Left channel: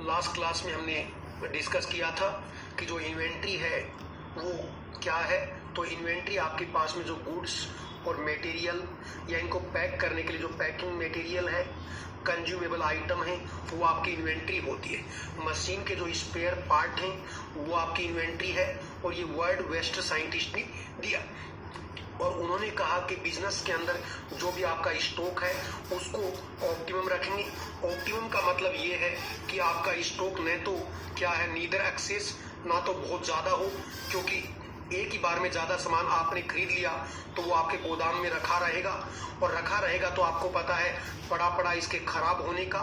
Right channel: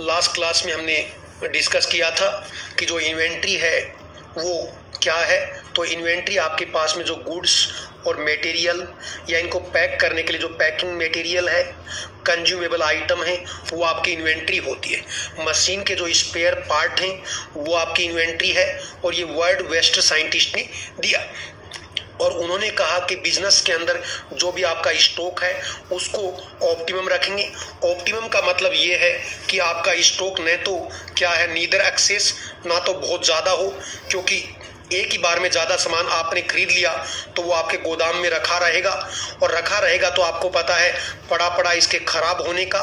Last class में हमने discuss किया था कि जो इन्वेंट्री है वो क्या है। तो इन्वेंट्री आपके पास में जो गुड्स और मटेरियल या इनको पैक करने के लिए जो पैकिंग मटेरियल है, कंज्यूमेबल आइटम है, वो आपकी इन्वेंट्री होती है। मशीन के जो स्पेयर पार्ट हैं वो आपकी इन्वेंट्री है। और ये वर्ड वेस्ट साइंटिस्ट ने दिया और उन्होंने कहा कि बिजनेस के अंदर जो भी आपका स्टॉक है उसको ऑप्टिमम रखेंगे। ऑप्टिमम का मतलब ये है कि आपका स्टॉक न तो क्या है, नीदर एक्सेस, ना तो बहुत ज़्यादा हो, क्योंकि एक ही बार में ज़्यादा सामान आपने खरीद लिया तो वो आपके गोदाम में रखा रहेगा, और रखा रहेगा तो आपको पता है पड़ा पड़ा इसके खराब होने का,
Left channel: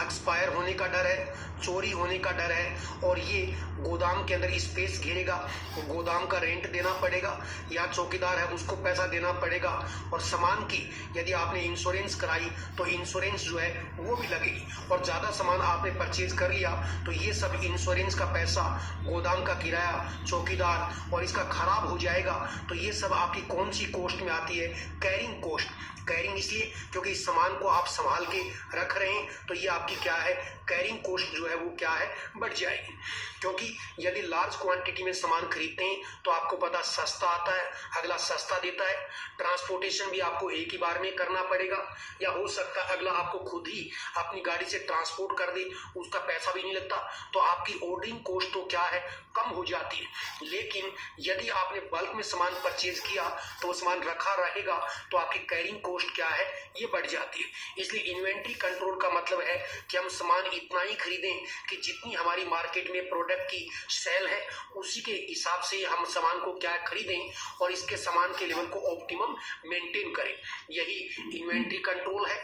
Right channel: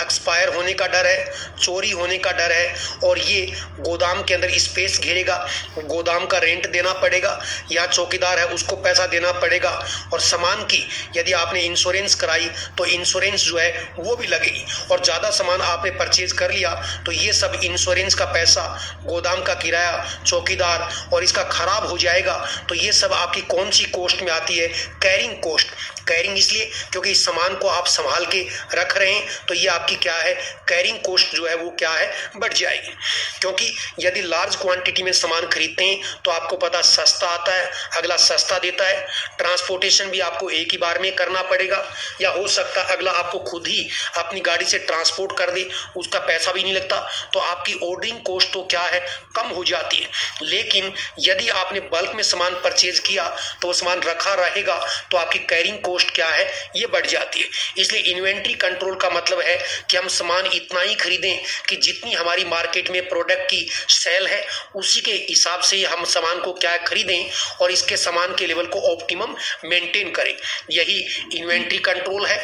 एक्सपायर होने का डर है, चोरी होने का डर है, और ये गोदाम के अंदर स्पेस घेरेगा, गोदाम का रेंट देना पड़ेगा या चौकीदार है उसको पैसा देना पड़ेगा। और सामान की यदि आपने इंश्योरेंस कराई तो इंश्योरेंस जो है वो भी लगेगी, और ज़्यादा सामान आपने परचेज कर लिया तो ये सब इंश्योरेंस का पैसा, गोदाम का किराया, चौकीदार, और इसका खराब हो जाएगा तो ये सब आपकी कौन सी कॉस्ट में आती है? Carrying cost. कैरिंग इसलिए क्योंकि इस सामान को आप संभाल के रख रहे हैं तो ये आपकी क्या है, कैरिंग कॉस्ट जो है वो क्या है, बढ़ जाएगी। क्योंकि यदि लार्ज क्वांटिटी में सामान खरीदते हैं तो आपको पता सस्ता आता है, अगला सस्ता देता है, ट्रांसपोर्टेशन भी आपको एक ही बार में करना पड़ेगा, या हो सकता है अगला आपको खुद ही अपनी गाड़ी से ट्रांसपोर्ट कर दे, उसका पैसा भी नहीं लगता, तो आपकी ऑर्डरिंग कॉस्ट तो क्या है, कम हो जाती है। लेकिन यदि आपने बल्क में सामान परचेज किया तो वो सामान रखा रहेगा तो आपकी कैरिंग कॉस्ट क्या है, ये बढ़ जाती है। इसलिए इन्वेंट्री कंट्रोल का मतलब है कि हम सामान इतना ही खरीदें कि जितनी हमारी मार्केट में प्रोडक्ट की सेल है उसी के हिसाब से हम सामान को क्या खरीदें और इसके सामान के लेवल को ऑप्टिमम मेंटेन करें। यही इन्वेंट्री कंट्रोल है।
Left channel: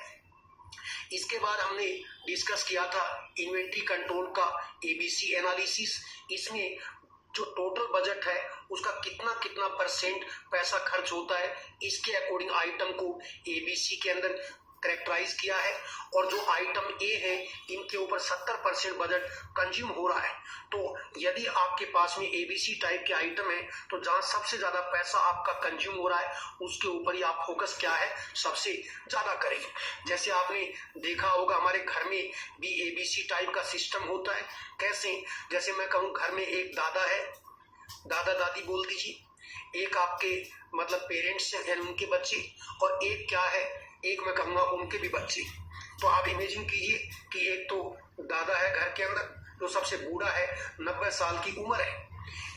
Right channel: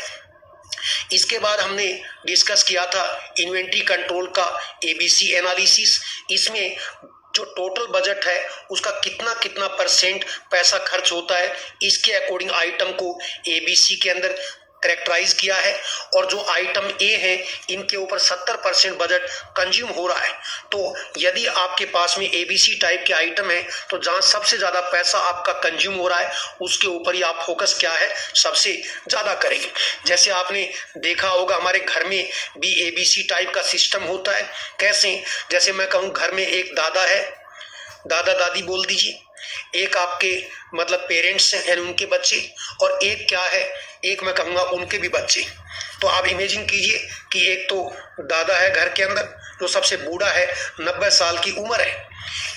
इसके बाद हमने डिस्कस किया था इन्वेंट्री कंट्रोल का एबीसी एनालिसिस। इसमें जो टोटल बजट है उसका कितना कितना परसेंट पैसा खर्च होता है, इसके अकॉर्डिंग आइटम को एबीसी के अंदर करेक्टराइज किया है। और जो आइटम ए है इनके ऊपर 70% बजट कंज्यूम हो रहा है। तो यदि आपके पास में एबीसी टाइप के आइटम है तो जहां सबसे ज्यादा पैसा आपका कंज्यूम हो रहा है उसके ऊपर ही आप फोकस क्या है, सबसे ज्यादा करेंगे। जैसे आपने देखा होगा हमारे घर में भी एबीसी टाइप का सिस्टम होता है। कैसे? जैसे मैं कहूँ घर में एक दादा है, दादा दादी बोल दीजिए, एक आपके मतलब पेरेंट्स हैं उनके बच्चे, और एक क्या है, एक मैं कहूँगा उनके भी बच्चे। तो आप इमेजिन कीजिए कि एक तो दादा है घर के अंदर जो सबसे बूढ़ा है, 90 साल की उम्र है।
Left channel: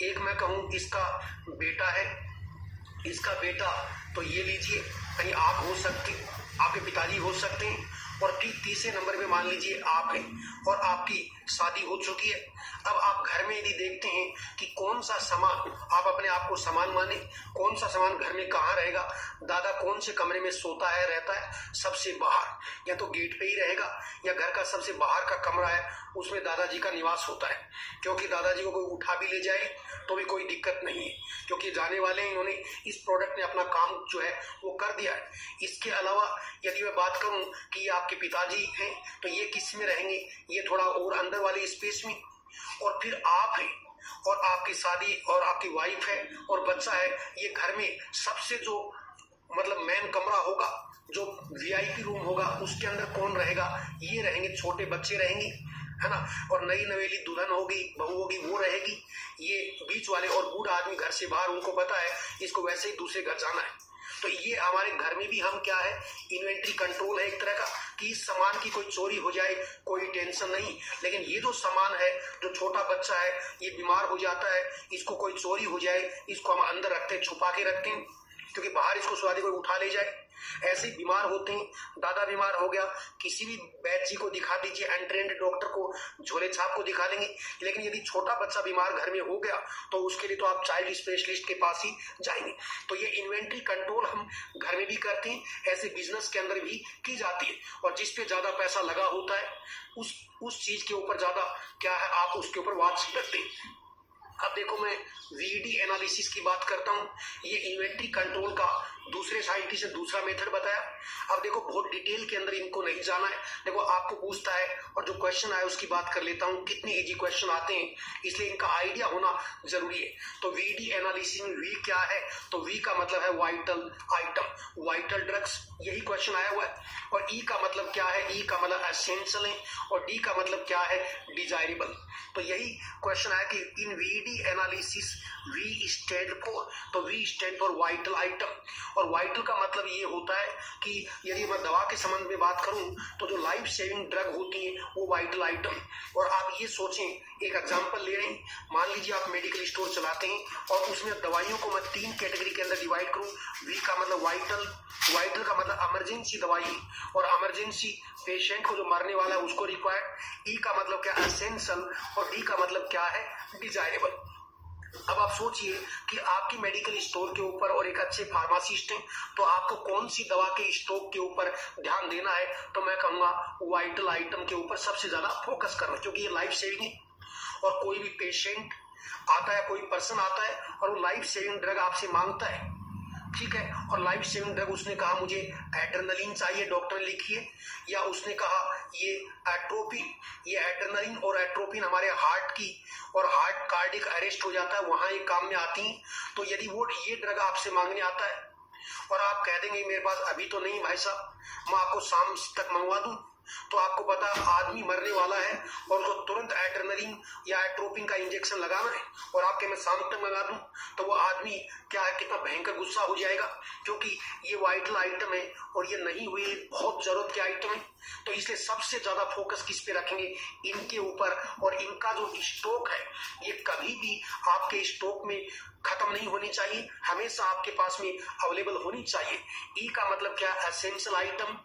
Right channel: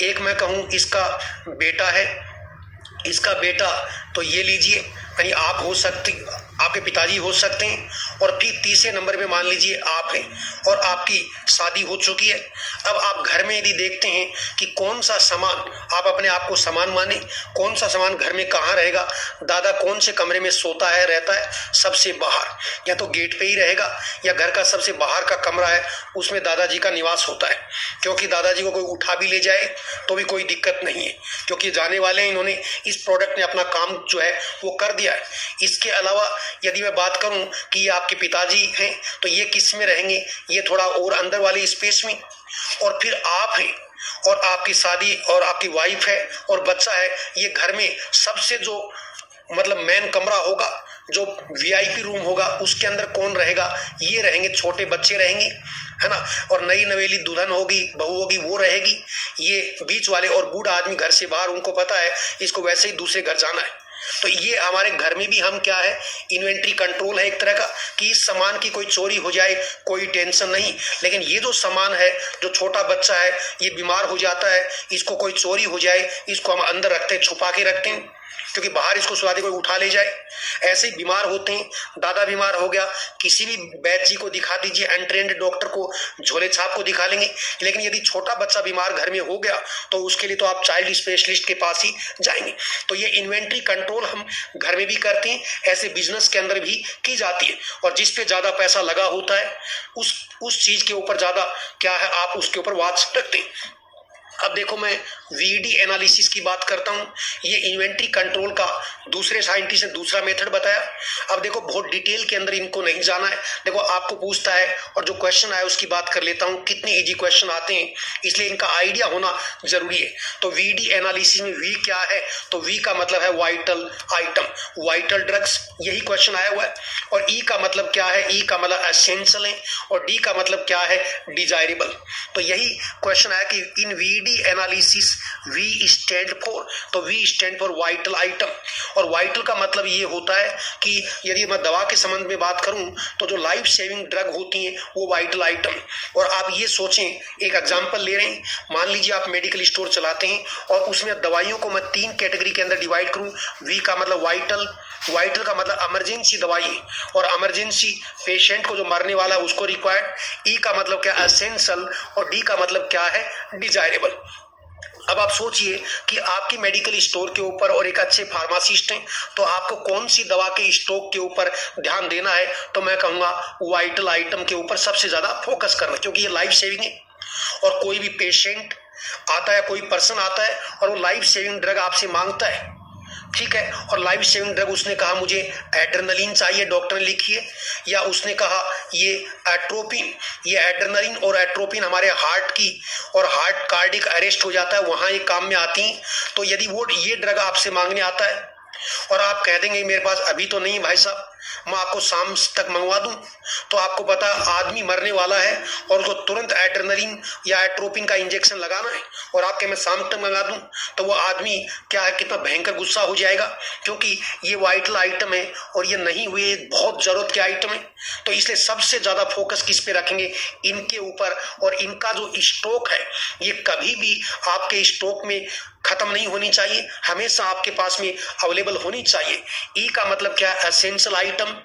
एक मैं कहूँ इसका बेटा है, इसका बेटा तो ये लीजिए यानी आप हो सकते, आपके पिताजी हो सकते हैं, और फिर तीसरे नंबर पे मान लीजिए आप हैं और आपकी शादी हो चुकी है। अब आप घर में यदि देखते हैं कि कौन सा सामान, आप अपने आप को सामान माने, कौन सा सामान घर में कहाँ रहेगा, दादा कौन से कमरे में सोता है, रहता है, सबसे बाहर, या तो गेट पे ही रहेगा या घर का सबसे बाहर का कमरा है उसमें दादाजी का निवास होता है। क्योंकि दादाजी को कोई उठा भी ले जाए तो भी कोई दिक्कत नहीं है, क्योंकि जाने वाले हैं, इन्होंने इस प्रोडक्ट ने अपना काम जो है वो कर दिया है। इसके अलावा यदि मैं बात करूं कि ये आपके पिताजी हैं तो ये किस में रहेंगे, ये थोड़ा और अंदर वाले स्पेस में, और फिर आप हैं और आपकी शादी और आपकी वाइफ है और बच्चा है, ये घर में सबसे जो मतलब मेन कमरा होगा, जो वीआईपी रूम होगा, उसके अंदर कौन रहेगा, ये रहेंगे, छोटे बच्चे रहेंगे, है ना, और नई नवेली दुल्हन होगी, बहू होगी, वो रहेगी। ये बीच वाले और बूढ़ा आदमी घर से बाहर, उनको पता है इसको वैसे ही दूसरे घर जाना है। तो ये हमारे घर में भी हम क्या है, इन्वेंट्री कंट्रोल है एक तरह का, कि इस सामान की कोई चोरी हो जाए कोई टेंशन नहीं। लेकिन ये जो सामान है, जो छोटा बच्चा है ये बीमार हो जाता है, इसको कोई चोरी हो जाए, इसको हम अंदर रखते हैं, छुपा के रखते हैं, क्योंकि बाहर इसको सुबह कोई उठा ले जाए। ऐसे ही बीमार होते हैं, दादा बीमार हो गया, किसी भी वैद्य जी को दिखा दीजिए, अनट्रेंड डॉक्टर को, झोले छाप को दिखा लेंगे। लेकिन यदि छोटा बच्चा बीमार घर में हो गया तो उसके लिए तो आप चाइल्ड स्पेशलिस्ट के पास ही जाएंगे। तो ये इन्वेंट्री कंट्रोल हम घर में भी करते हैं, ऐसे बिजनेस के अंदर भी की जाती है। और जिस पे ज्यादा पैसा लगा होता है उस चीज के ऊपर ज्यादा क्या है, आप उसके ऊपर वॉच रखते हैं। अब देखो मैं वीडी एनालिसिस की बात करता हूं। ये इन्वेंट्री कंट्रोल का दूसरे साइंटिस्ट ने दूसरा मेथड बताया। अब देखो बहुत डिटेल के अंदर इनको नहीं जाना है। देखो आपको पूछता है और जो क्वेश्चन आया उसकी बात कर लेता हूं। कितने इजी क्वेश्चन आते हैं, इसलिए इनका आइडिया होना जरूरी है। तो वीडी एनालिसिस में वी क्या है, तो वी का मतलब है वाइटल आइटम, वाइटल ड्रग्स, यही क्वेश्चन आया हुआ है। और ई का मतलब क्या है, ई का मतलब एसेंशियल है, और डी का मतलब क्या है, डिजायरेबल। तो यही क्वेश्चन आया कि in VD analysis we stand for, तो we stand for vital item. और वाइटल का मतलब ये होता है कि यदि मैं दवा के संबंध में बात करूं तो जो लाइफ सेविंग ड्रग होती हैं वो वाइटल आइटम। और आप ये सोचें, एक एग्जांपल ले रहे हैं, मान लीजिए आप मेडिकल स्टोर चलाते हैं और उसमें दवाइयों को मैं 3 कैटेगरी के अंदर डिवाइड करूं। वी का मतलब वाइटल, वाइटल का मतलब इमरजेंसी दवाई, और इमरजेंसी पेशेंट को जो मरने वाला है उसको रिक्वायर्ड। ई का मतलब क्या, एसेंशियल, और डी का मतलब क्या है, डिजायरेबल। अब आप सोचिए कि आपकी मेडिकल स्टोर के ऊपर और एक अच्छे फार्मासिस्ट हैं, तो आपको कौन सी दवा के स्टॉक के ऊपर ध्यान देना है, तो मैं कहूंगा वाइटल आइटम के ऊपर सबसे ज्यादा फोकस करना, क्योंकि ये लाइफ सेविंग है। और कोई भी पेशेंट आता है, कोई पर्सन आता है और वो लाइफ सेविंग ड्रग आपसे मांगता है, ठीक है, और लाइफ सेविंग ड्रग उसने कहा मुझे एड्रेनलिन चाहिए, डॉक्टर ने लिखी है, या उसने कहा ये एट्रोपिन, ये एड्रेनलिन और एट्रोपिन हमारे हार्ट की और हार्ट कार्डिक अरेस्ट हो जाता है, वहां ये काम में आती हैं। तो यदि वो ये ड्रग आपसे मांगने आता है और आप कह देंगे मेरे पास अभी तो नहीं भाई साहब, मैं आपको शाम तक मंगवा दूं, तो आपको पता आदमी मरने वाला है और उसको तुरंत एड्रेनलिन या एट्रोपिन का इंजेक्शन लगाना है, और आपके मैं शाम तक मंगा दूं, तो वो आदमी क्या है, कितना भयंकर गुस्सा हो जाएगा, क्योंकि ये वाइटल आइटम है और ये नहीं हुए बहुत जरूरत के आइटम है। तो इसलिए सबसे ज्यादा फोकस किस पे रखेंगे, इनके ऊपर। और इनका जो स्टॉक है ये कभी भी आपके स्टॉक में खत्म नहीं होनी चाहिए, हमेशा आपके पास में अवेलेबल होनी चाहिए। ई का मतलब क्या है, एसेंशियल आइटम।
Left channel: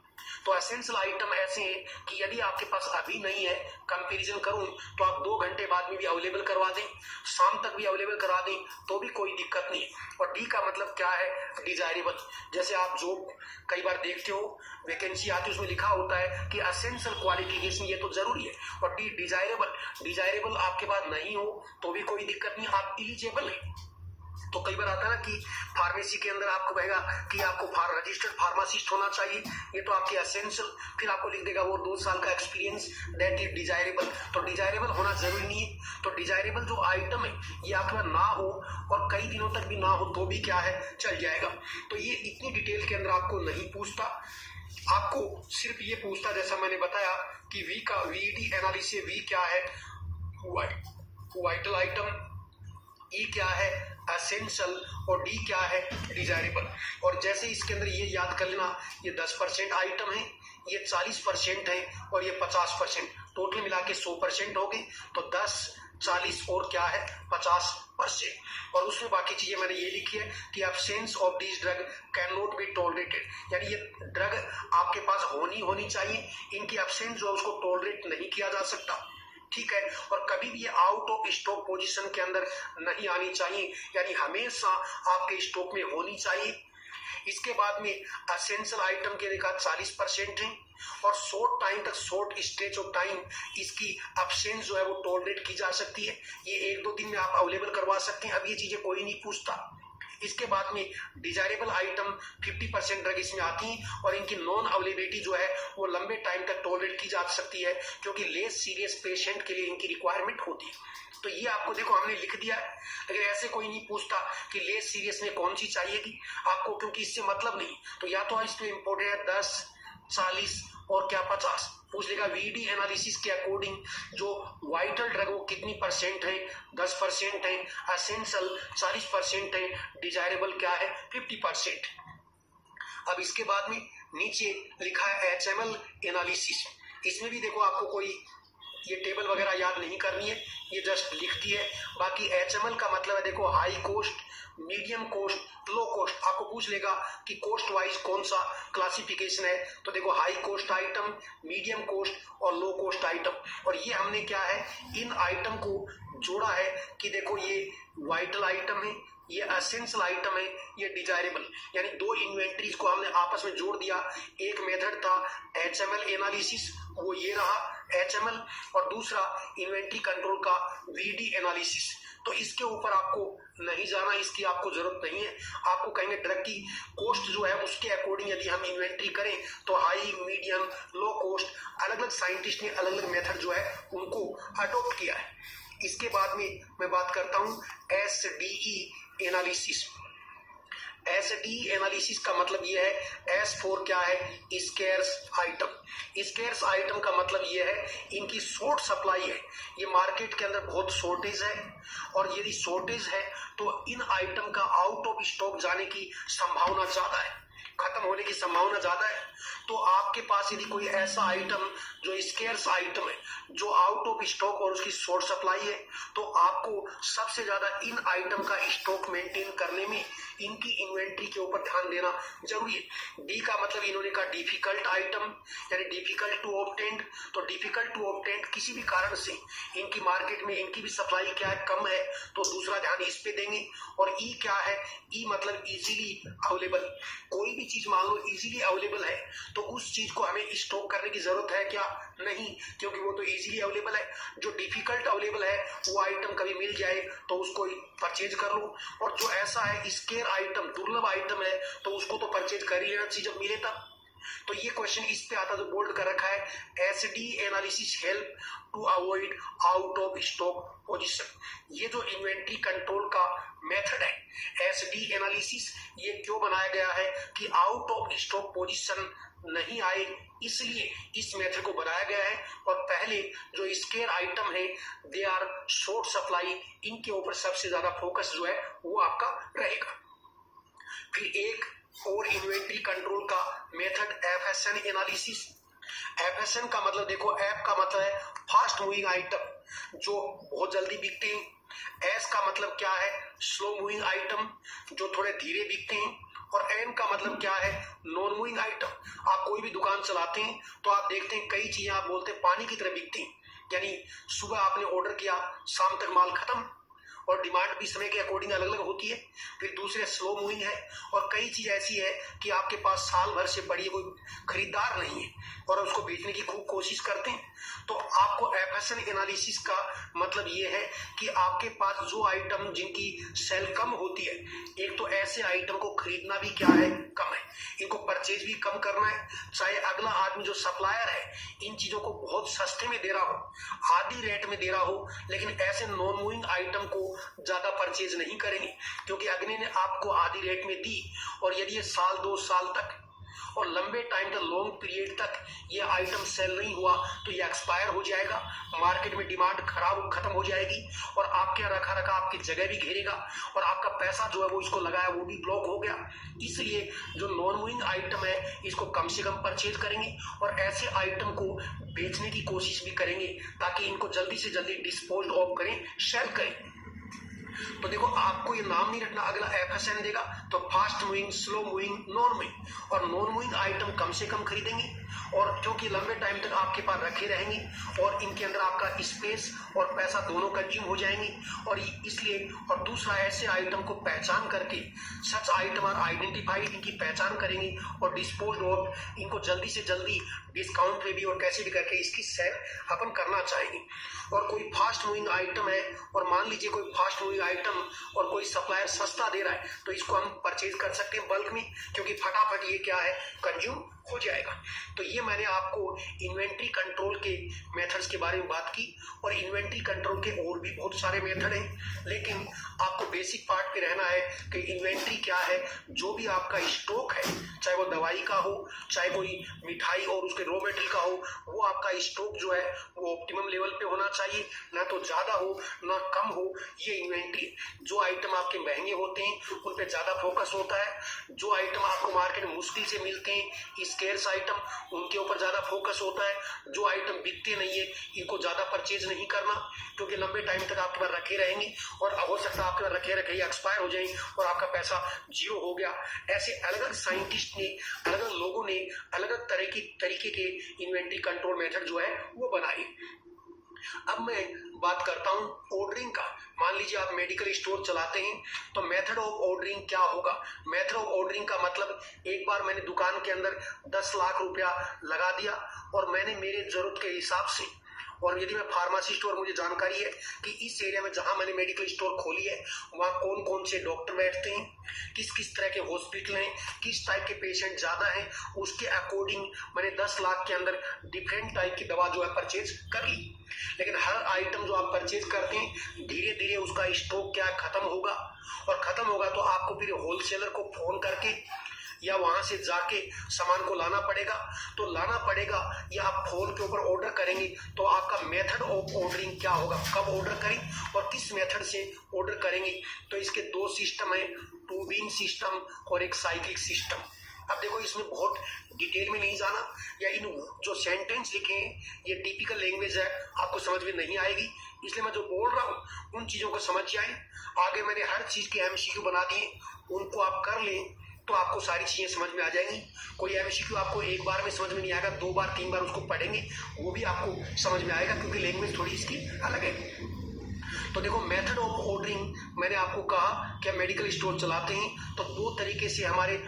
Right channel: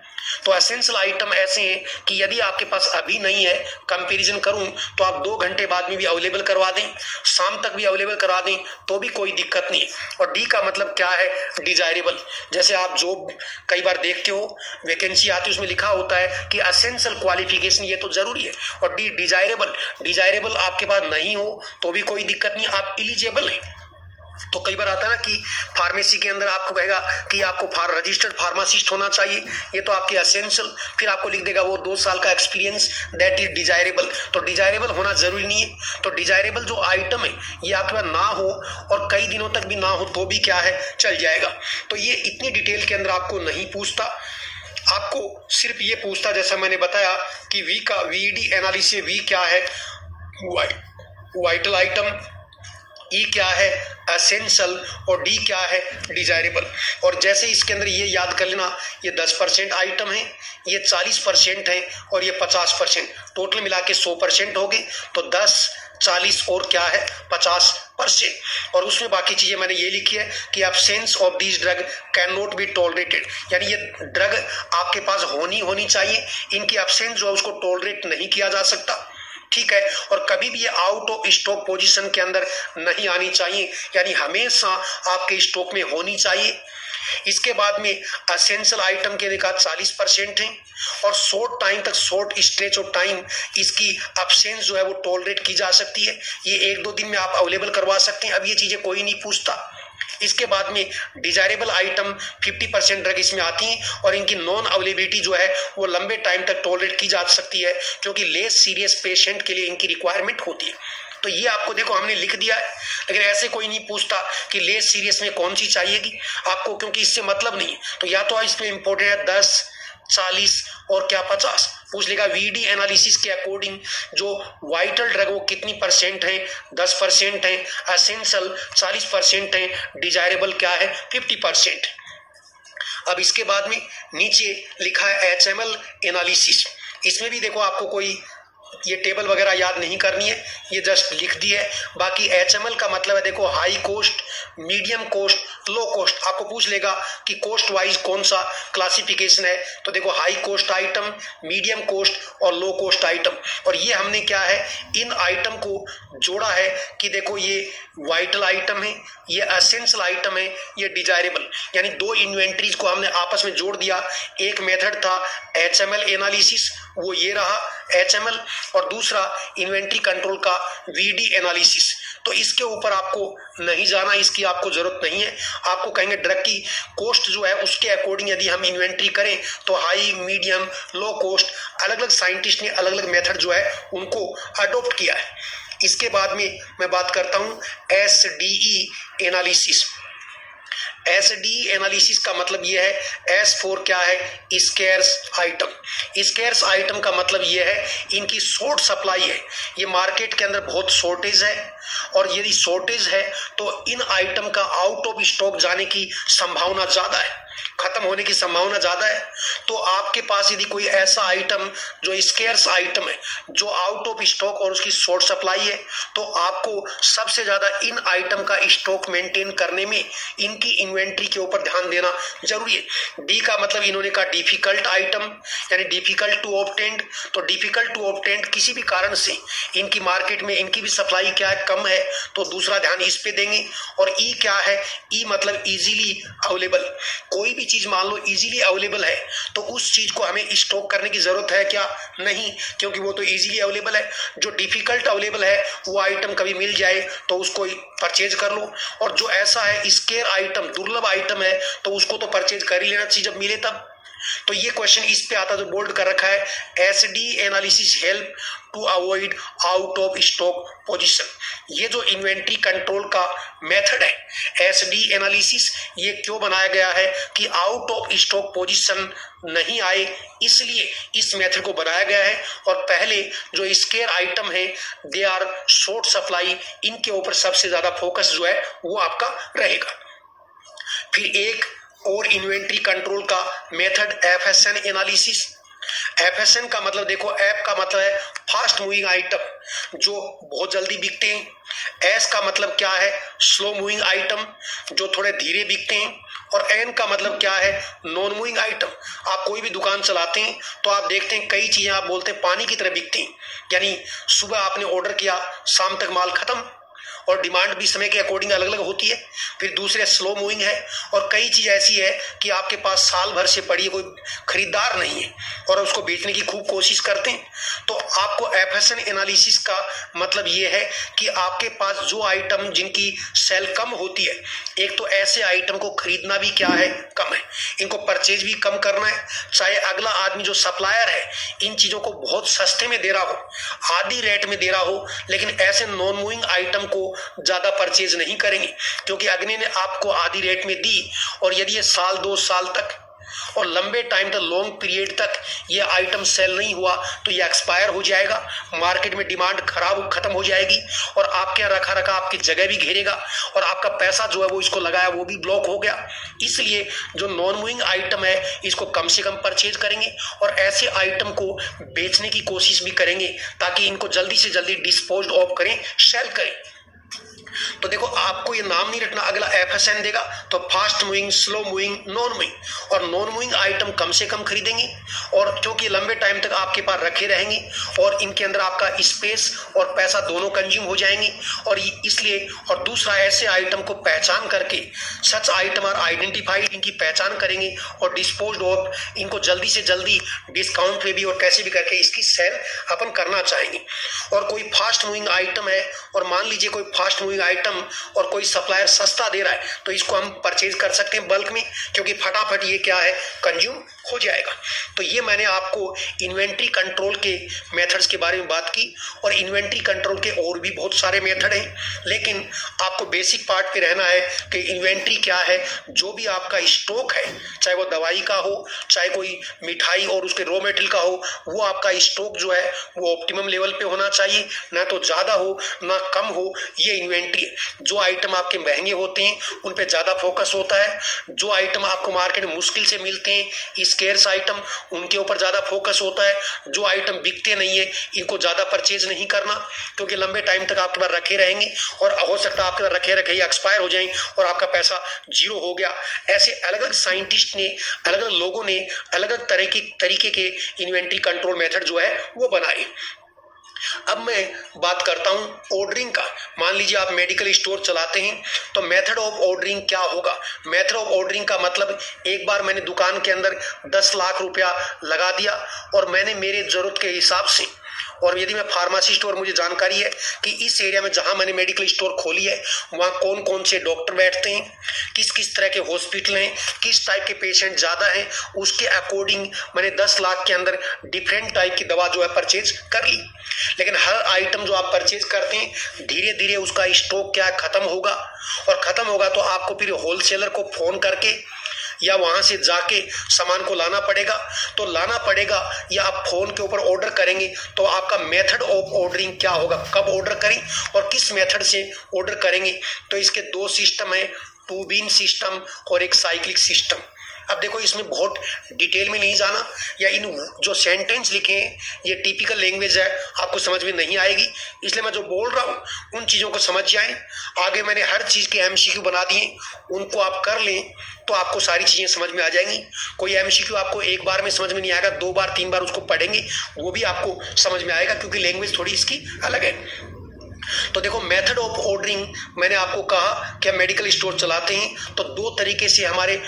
तो एसेंशियल आइटम ऐसे हैं कि यदि आपके पास अभी नहीं है, कंपैरिजन करूं तो आप 2 घंटे बाद में भी अवेलेबल करवा दें, शाम तक भी अवेलेबल करा दें, तो भी कोई दिक्कत नहीं है। और डी का मतलब क्या है, डिजायरेबल। जैसे आप जॉब कई बार देखते हो, वैकेंसी आती है, उसमें लिखा होता है कि एसेंशियल क्वालिफिकेशन, ये तो जरूरी है। और डी डिजायरेबल, डिजायरेबल आपके पास नहीं हो तो भी कोई दिक्कत नहीं, आप एलिजिबल है। तो कई बार आता है ना कि फार्मेसी के अंदर आपको कहेगा कि आपको रजिस्टर्ड फार्मासिस्ट होना चाहिए, ये तो आपके एसेंशियल, फिर आपको लिख देगा वो 2 साल का एक्सपीरियंस, दैट इज डिजायरेबल। तो डिजायरेबल होना जरूरी नहीं है। तो डिजायरेबल जो आइटम है ये आपके पास ना हो और कई दिनों तक भी ना हो तो भी क्या है, चल जाएगा। तो ये इतनी डिटेल के अंदर आपको नहीं पूछता, आपको सिर्फ ये पूछता, जैसा मैंने बताया कि वी का वीडी एनालिसिस, वी क्या है, वाइटल आइटम, ई क्या है, एसेंशियल, और डी क्या है, डिजायरेबल। और जैसे इसके अंदर ये याद कर लेना, ये 10% आइटम है, ये 40% है, और ये 50%, टोटल मिला के 100% हो गए। तो 10, 40 और क्या है, 50%। और उसमें बाकी चीजें मैंने ये लिखी है कि absence of this drug can not be tolerated, यानी ये ड्रग आपके पास होनी चाहिए, इनकी एब्सेंस जो है उसको टॉलरेट नहीं किया जा सकता, ठीक है। और कभी भी ये आउट ऑफ स्टॉक पोजीशन के अंदर नहीं आनी चाहिए, यानी हमेशा आपके स्टॉक में होनी चाहिए। इसके बाद में एसेंशियल आइटम के देखा 40% है, और शॉर्ट टाइम तक, शॉर्ट स्ट्रेच ऑफ टाइम इसकी एब्सेंस जो है वो टॉलरेट की जा सकती है, ये 1-2 दिन में आप अवेलेबल करवा सकते हैं। अब ये चीजें कोई नहीं पूछता। इसके बाद में डिजायरेबल आइटम 50% ड्रग इसमें आती हैं, और इनकी नॉन अवेलेबिलिटी जो है वो लंबे टाइम तक टॉलरेट की जा सकती है, क्योंकि लेस सीरियस पेशेंट के लिए इनकी रिक्वायरमेंट होती है। तो ये आपको देखो हमने लिख दिया है, लेकिन ऐसे कोई नहीं पूछता कि लेस सीरियस में कौन सी चाहिएगी आपको, क्योंकि इससे मतलब नहीं है। तो या तो इसमें इंपॉर्टेंट है 10, 40 और क्या 50, पूछ लेगा वीडी एनालिसिस के अकॉर्डिंग जो वाइटल ड्रग वो कितनी परसेंट है, 10% है, एसेंशियल 40% है, डिजायरेबल क्या है, 50%। अब इसके बाद में नीचे लिखा है HML एनालिसिस। इसमें भी देखो आपको कोई ये टेबल वगैरह याद नहीं करनी है, ये जस्ट लिख दी है। बाकी HML का मतलब है देखो high cost, medium cost, low cost. आपको पूछ लेगा कि कॉस्ट वाइज कौन सा क्लासिफिकेशन है, तो देखो high cost item, medium cost और लो कॉस्ट आइटम। और ये हमने क्या है, इन आइटम को जोड़ा है कि देखो ये वाइटल आइटम है, ये एसेंशियल आइटम है, ये डिजायरेबल, यानी 2 इन्वेंट्रीज को हमने आपस में जोड़ दिया। एक मेथड था HML एनालिसिस वो ये रहा HML, और दूसरा इन्वेंट्री कंट्रोल का VD एनालिसिस। तो इसके ऊपर आपको नहीं जाना, इसकी आपको जरूरत नहीं है। आपको कहेंगे ड्रग की कॉस्ट जो है उसके अकॉर्डिंग यदि हम इन्वेंट्री करें तो हाई, मीडियम, लो कॉस्ट, अलग अलग साइंटिस्ट ने अलग अलग मेथड जो है उनको अडॉप्ट किया है। इसके बाद में मैं बात करता हूं SDE एनालिसिस। SDE एनालिसिस का मतलब ये है, S फॉर क्या है, स्केर्स आइटम। स्केर्स आइटम का मतलब ये है इनकी शॉर्ट सप्लाई है, ये मार्केट के अंदर बहुत शॉर्टेज है, और यदि शॉर्टेज है तो इन आइटम का आउट ऑफ स्टॉक जाने की संभावना ज्यादा है, खत्म होने की संभावना ज्यादा है। तो आपके पास यदि कोई ऐसा आइटम जो स्केर्स आइटम है, जो आउट ऑफ स्टॉक और उसकी शॉर्ट सप्लाई है, तो आपको सबसे ज्यादा इन आइटम का स्टॉक मेंटेन करने में इनकी इन्वेंट्री के ऊपर ध्यान देना जरूरी है। डी का मतलब इन्होंने कहा डिफिकल्ट आइटम, यानी डिफिकल्ट टू ऑब्टेन। तो डिफिकल्ट टू ऑब्टेन किसी भी कारण से इनकी मार्केट में इनकी भी सप्लाई क्या है, कम है, तो दूसरा ध्यान इस पे देंगे। और ई क्या है, ई मतलब इजीली अवेलेबल। कोई भी चीज मान लो इजीली अवेलेबल है तो उस चीज को हमें स्टॉक करने की जरूरत है क्या, नहीं, क्योंकि वो तो इजीली अवेलेबल है। जो डिफिकल्ट अवेलेबल है वो आइटम कभी मिल जाए तो उसको परचेज कर लो, और जो ऐसा है स्केर आइटम, दुर्लभ आइटम है, तो उसको तो परचेज कर ही लेना चाहिए जब मिले तब। तो ये क्वेश्चन इस पे आता जो बोल्ड कर रखा है, SD analysis help to avoid out of stock position. ये जो इन्वेंट्री कंट्रोल का मेथड है SD एनालिसिस, ये क्यों बनाया गया है कि आउट ऑफ स्टॉक पोजीशन नहीं आए, इसलिए इस मेथड को बनाया गया है। और पहले जो स्केर आइटम है दे आर शॉर्ट सप्लाई, इनके ऊपर सबसे ज्यादा फोकस जो है वो आपका रहेगा। फिर एक और इन्वेंट्री कंट्रोल का मेथड FSN एनालिसिस। FSN का मतलब देखो, F का मतलब है फास्ट मूविंग आइटम जो बहुत जल्दी बिकते हैं, S का मतलब क्या है, स्लो मूविंग आइटम जो थोड़े धीरे बिकते हैं, और N का मतलब क्या है, नॉन मूविंग आइटम। आप कोई भी दुकान चलाते हैं तो आप देखते हैं कई चीजें आप बोलते हैं पानी की तरह बिकती हैं, यानी सुबह आपने ऑर्डर किया, शाम तक माल खत्म, और डिमांड भी समय के अकॉर्डिंग अलग अलग होती है। फिर दूसरे स्लो मूविंग है, और कई चीज ऐसी है कि आपके पास साल भर से पड़ी है, कोई खरीदार नहीं है और उसको बेचने की खूब कोशिश करते हैं। तो आपको FSN एनालिसिस का मतलब ये है कि आपके पास जो आइटम जिनकी सेल कम होती है, एक तो ऐसे आइटम को खरीदना भी क्या है, कम है, इनको परचेज भी कम करना है। चाहे अगला आदमी जो सप्लायर है इन चीजों को बहुत सस्ते में दे रहा हो, आधी रेट में दे रहा हो, लेकिन ऐसे नॉन मूविंग आइटम को ज्यादा परचेज नहीं करेंगे, क्योंकि अगले ने आपको आधी रेट में दी, और यदि ये साल 2 साल तक और लंबे टाइम तक, लॉन्ग पीरियड तक ये आइटम सेल नहीं हुआ तो ये एक्सपायर हो जाएगा, मार्केट में डिमांड खत्म हो जाएगी, और आपके यहाँ रखा रखा आपकी जगह भी घेरेगा, और आपका पैसा जो है वो इसको लगाया वो भी ब्लॉक हो गया। इसलिए जो नॉन मूविंग आइटम है इसको कम से कम परचेज करेंगे, और ऐसे आइटम को बेचने की कोशिश भी करेंगे ताकि इनको जल्दी से जल्दी डिस्पोज ऑफ करें, सेल करें। तो देखो, आपको ये नाम नहीं रखना, अगला FSN देगा तो fast moving, slow moving, non moving. और नॉन मूविंग आइटम कम से कम खरीदेंगे, और क्योंकि लंबे टाइम तक आपके पास रखे रहेंगे और इनके अंदर आपका स्पेस और पैसा दोनों कंज्यूम हो जाएंगे, और इसलिए। और दूसरा, ऐसे आइटम को पहचान करके, सच आइटम आर आइडेंटिफाइड, इनकी पहचान करेंगे और डिस्पोज ऑफ, इनको जल्दी से जल्दी डिस्काउंट पे भी और कैसे भी करके इसकी सेल अपन करना चाहेंगे। और कोई फास्ट मूविंग आइटम है, और मान लीजिए कोई फास्ट मूविंग आइटम और कोई सप्लायर सस्ता दे रहा है, तो इसको हम परचेज कर सकते हैं बल्क में, क्योंकि फटाफट ये क्या है, कंज्यूम हो जाएगा। तो ये मैंने आपको इन्वेंट्री कंट्रोल के मेथड्स के बारे में बात की, और इन्वेंट्री कंट्रोल के और भी बहुत सारे मेथड हैं, लेकिन आपको बेसिक पार्ट पे रहना है कि इन्वेंट्री क्या है। जो भी आपका स्टॉक है, चाहे वो दवाई का हो, चाहे कोई मिठाई और उसके रॉ मेटेरियल का हो, वो आपका स्टॉक जो है वो ऑप्टिमम लेवल पे होना चाहिए, ना तो ज्यादा हो ना कम हो। ये इन्वेंट्री है। जो आइटम आपके महंगे होते हैं उन पे ज्यादा फोकस होता है, जो आइटम आपको मार्केट में मुश्किल से मिलते हैं, स्केर्स आइटम, उनके ऊपर ज्यादा फोकस होता है। जो आइटम बिकते नहीं है इनको ज्यादा परचेज नहीं करना, क्योंकि लंबे टाइम तक आपके पास रखे रहेंगे, और हो सकता है आपके पास रखे रखे ही एक्सपायर हो जाएं और आपका पैसा जीरो हो गया। ऐसे अलग अलग साइंटिस्ट ने, अलग अलग लोगों ने अलग अलग तरीके के इन्वेंट्री कंट्रोल मेथड जो है वो बनाए। अब मैं बात करता हूं ऑर्डरिंग का। मान लीजिए आप मेडिकल स्टोर चलाते हैं, तो मेथड ऑफ ऑर्डरिंग क्या होगा? मेथड ऑफ ऑर्डरिंग का मतलब एक बार मैंने दुकान के अंदर 10 लाख रुपया लगा दिया और मैंने मेरे जरूरत के हिसाब से, और यदि मैं फार्मेसी स्टोर, मुझे जानकारी है कि इस एरिया में जहां मैंने मेडिकल स्टोर खोली है वहां कौन कौन से डॉक्टर बैठते हैं, किस किस तरह के हॉस्पिटल हैं, किस टाइप के पेशेंट ज़्यादा हैं, उसके अकॉर्डिंग मैंने 10 लाख के अंदर डिफरेंट टाइप की दवा जो है परचेज कर ली। लेकिन हर आइटम जो आप परचेज करते हैं धीरे धीरे उसका स्टॉक क्या खत्म होगा, और खत्म होगा तो आपको फिर होलसेलर को फोन करके या वहां से जाके सामान को लाना पड़ेगा। तो लाना पड़ेगा या आप फोन के ऊपर ऑर्डर करेंगे, तो आपका मेथड ऑफ ऑर्डरिंग क्या होगा, कब ऑर्डर करें और किस मेथड से ऑर्डर करेंगे। तो इसके दो सिस्टम है, टू बीन सिस्टम और एक साइक्लिक सिस्टम। अब देखो इसमें बहुत डिटेल में नहीं जाना, या इन जो सेंटेंस लिखे हैं ये टिपिकल लैंग्वेज है, आपको समझ में नहीं आएगी, इसलिए मैं जो बोल रहा हूँ उन चीज़ों को समझ जाएं। आगे मैंने हर चीज़ के एमसीक्यू बना दिए, उनको आप कर लें तो आपको सारी चीज़ें समझ में आ जाएंगी। कोई एमसीक्यू आपको एक बार में समझ में नहीं आएगा, 2 बार 3 बार उसको पढ़ेंगे वो भी आपको समझ में आएगा, क्योंकि लैंग्वेज थोड़ी इसकी अलग है। तो देखो मेथड ऑफ ऑर्डरिंग, मैंने आपको कहा कि हम मेडिकल स्टोर चलाते हैं तो 2 तरीके से हमारे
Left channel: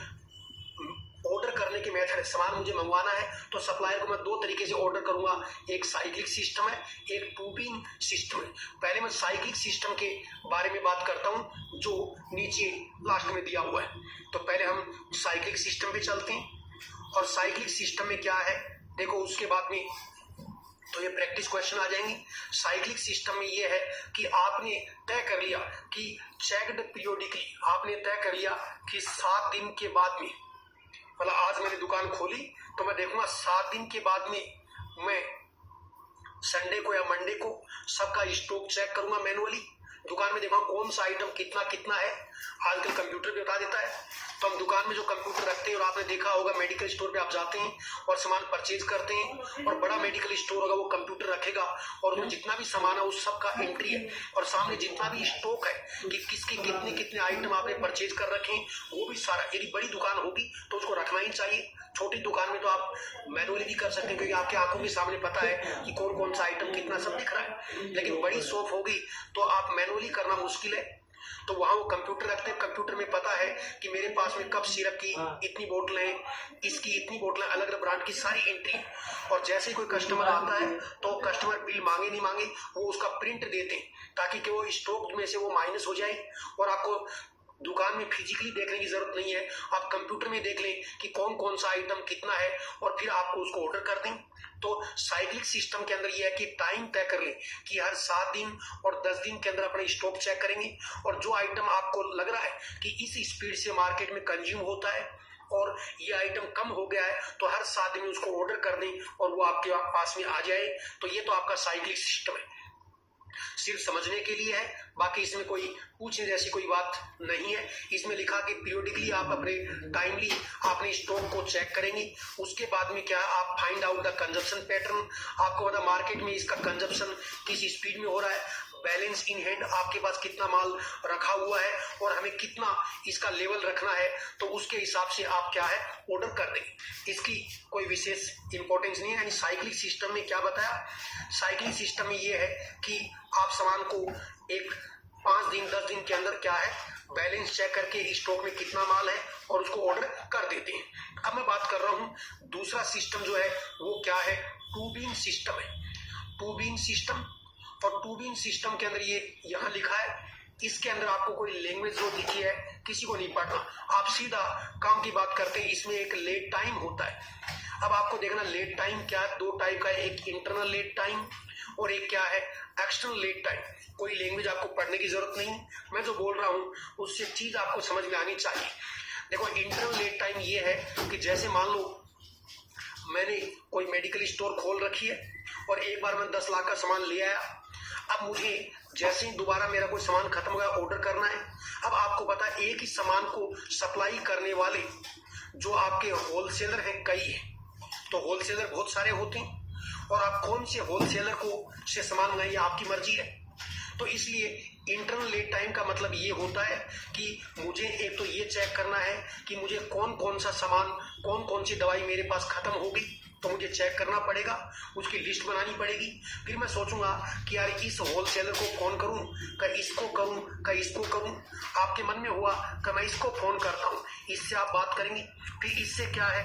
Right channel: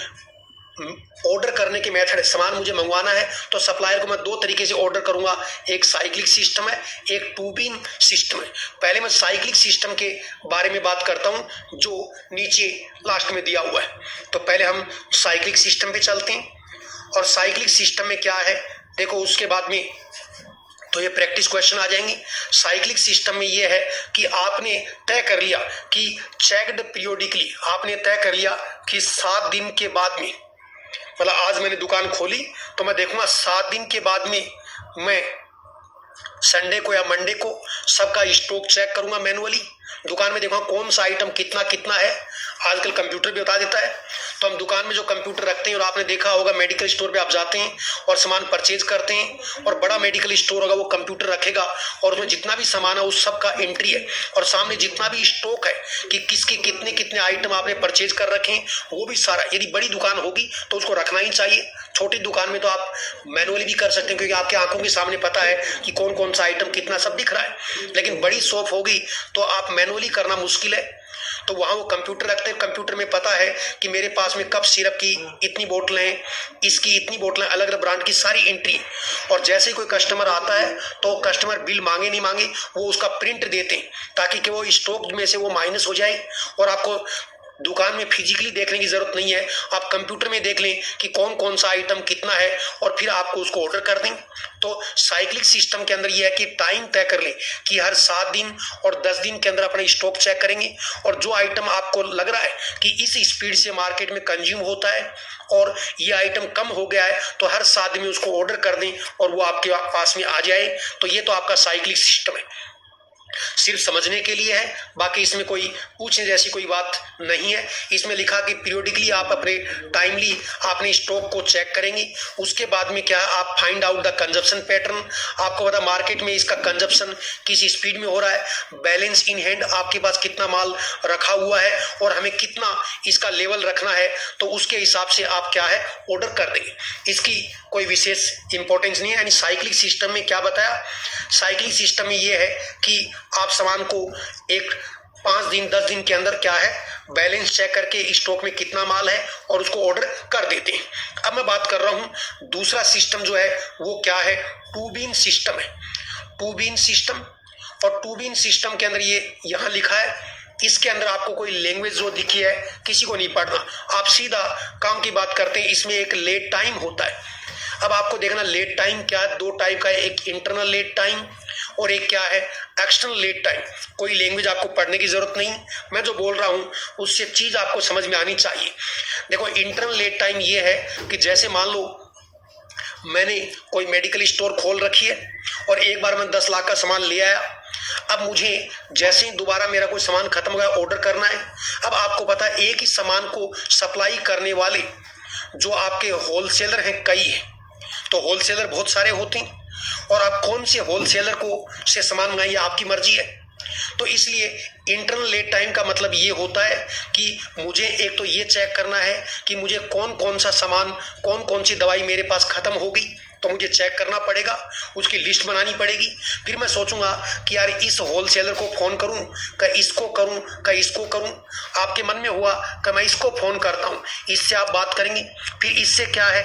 ऑर्डर करने के मेथड है। सामान मुझे मंगवाना है तो सप्लायर को मैं 2 तरीके से ऑर्डर करूंगा, एक साइक्लिक सिस्टम है, एक टू बीन सिस्टम है। पहले मैं साइक्लिक सिस्टम के बारे में बात करता हूं जो नीचे लास्ट में दिया हुआ है। तो पहले हम साइक्लिक सिस्टम पे चलते हैं, और साइक्लिक सिस्टम में क्या है देखो, उसके बाद में तो ये प्रैक्टिस क्वेश्चन आ जाएंगी। साइक्लिक सिस्टम में ये है कि आपने तय कर लिया कि चेक्ड पीरियोडिकली, आपने तय कर लिया कि 7 दिन के बाद में, मतलब आज मैंने दुकान खोली तो मैं देखूंगा 7 दिन के बाद में मैं संडे को या मंडे को सबका स्टॉक चेक करूंगा मैनुअली, दुकान में देखूंगा कौन सा आइटम कितना कितना है। आजकल कंप्यूटर भी बता देता है, तो हम दुकान में जो कंप्यूटर रखते हैं, और आपने देखा होगा मेडिकल स्टोर पे आप जाते हैं और सामान परचेज करते हैं, और बड़ा मेडिकल स्टोर होगा वो कंप्यूटर रखेगा और उसमें जितना भी सामान है उस सब का एंट्री है, और सामने जितना भी स्टॉक है कि किसके कितने कितने आइटम आपने परचेज कर रखे हैं वो भी सारा। यदि बड़ी दुकान होगी तो उसको रखना ही चाहिए, छोटी दुकान में तो आप मैनुअली भी कर सकते हैं, क्योंकि आपके आंखों के सामने पता है कि कौन कौन सा आइटम कितना सब दिख रहा है। लेकिन बड़ी शॉप होगी तो आप मैनुअली करना मुश्किल है, तो वहां वो कंप्यूटर रखते हैं, कंप्यूटर में पता है कि मेरे पास में कप सिरप की इतनी बोतलें हैं, इसकी इतनी बोतलें, अलग अलग ब्रांड की सारी एंट्री। और जैसे ही कोई कस्टमर आता है तो कस्टमर बिल मांगे नहीं मांगे वो उसका प्रिंट देते हैं, ताकि कि वो स्टॉक में से वो माइनस हो जाए, और आपको दुकान में फिजिकली देखने की जरूरत नहीं है, आप कंप्यूटर में देख लें कि कौन कौन सा आइटम कितना है, और फिर आपको उसको ऑर्डर कर दें। तो साइक्लिक सिस्टम के अंदर यह है कि टाइम तय कर लें कि हर 7 दिन और 10 दिन के अंदर अपना स्टॉक चेक करेंगे, और जो आइटम आपको लग रहा है कि इस स्पीड से मार्केट में कंज्यूम होता है और ये आइटम कम हो गया है, तो हर 7 दिन में उसको ऑर्डर कर दें और वो आपके पास में आ जाए। तो ये तो आपका साइक्लिक सिस्टम है, सिर्फ समझने के लिए है, बाकी इसमें कोई पूछने जैसी कोई बात नहीं है। इसमें लिखा कि पीरियोडिकली आप अपने टाइमली आपने स्टॉक को चेक करेंगे, उसके बाद में क्या आप find out the consumption pattern, आपको पता मार्केट में इसका कंजप्शन किस स्पीड में हो रहा है, बैलेंस इन हैंड आपके पास कितना माल रखा हुआ है और हमें कितना इसका लेवल रखना है, तो उसके हिसाब से आप क्या है ऑर्डर कर देंगे। इसकी कोई विशेष इंपॉर्टेंस नहीं है। यानी साइक्लिक सिस्टम में क्या बताया, साइक्लिक सिस्टम में ये है कि आप सामान को एक 5 दिन 10 दिन के अंदर क्या है बैलेंस चेक करके स्टॉक में कितना माल है और उसको ऑर्डर कर देते हैं। अब मैं बात कर रहा हूं दूसरा सिस्टम जो है वो क्या है, टू बीन सिस्टम है। टू बीन सिस्टम, और टू बीन सिस्टम के अंदर ये यहां लिखा है, इसके अंदर आपको कोई लैंग्वेज जो दिखी है किसी को नहीं पढ़ना, आप सीधा काम की बात करते हैं। इसमें एक लेट टाइम होता है। अब आपको देखना लेट टाइम क्या है, 2 टाइप का है, एक इंटरनल लेट टाइम और एक क्या है एक्सटर्नल लेट टाइम। कोई लैंग्वेज आपको पढ़ने की जरूरत नहीं, मैं जो बोल रहा हूँ उससे चीज आपको समझ में आनी चाहिए। देखो इंटरनल लेट टाइम ये है कि जैसे मान लो मैंने कोई मेडिकल स्टोर खोल रखी है और एक बार मैं 10 लाख का सामान ले आया, अब मुझे जैसे ही दोबारा मेरा कोई सामान खत्म हो गया ऑर्डर करना है। अब आपको पता है एक ही सामान को सप्लाई करने वाले जो आपके होलसेलर हैं कई हैं, तो होलसेलर बहुत सारे होते हैं, और आप कौन से होलसेलर को से सामान मंगाइए आपकी मर्जी है। तो इसलिए इंटरनल लेड टाइम का मतलब ये होता है कि मुझे एक तो ये चेक करना है कि मुझे कौन कौन सा सामान, कौन कौन सी दवाई मेरे पास खत्म हो गई, तो मुझे चेक करना पड़ेगा, उसकी लिस्ट बनानी पड़ेगी। फिर मैं सोचूंगा कि यार इस होलसेलर को फ़ोन करूं, कि इसको करूं, कि इसको करूं। आपके मन में हुआ कि मैं इसको फ़ोन करता हूं, इससे आप बात करेंगे। फिर इससे क्या है,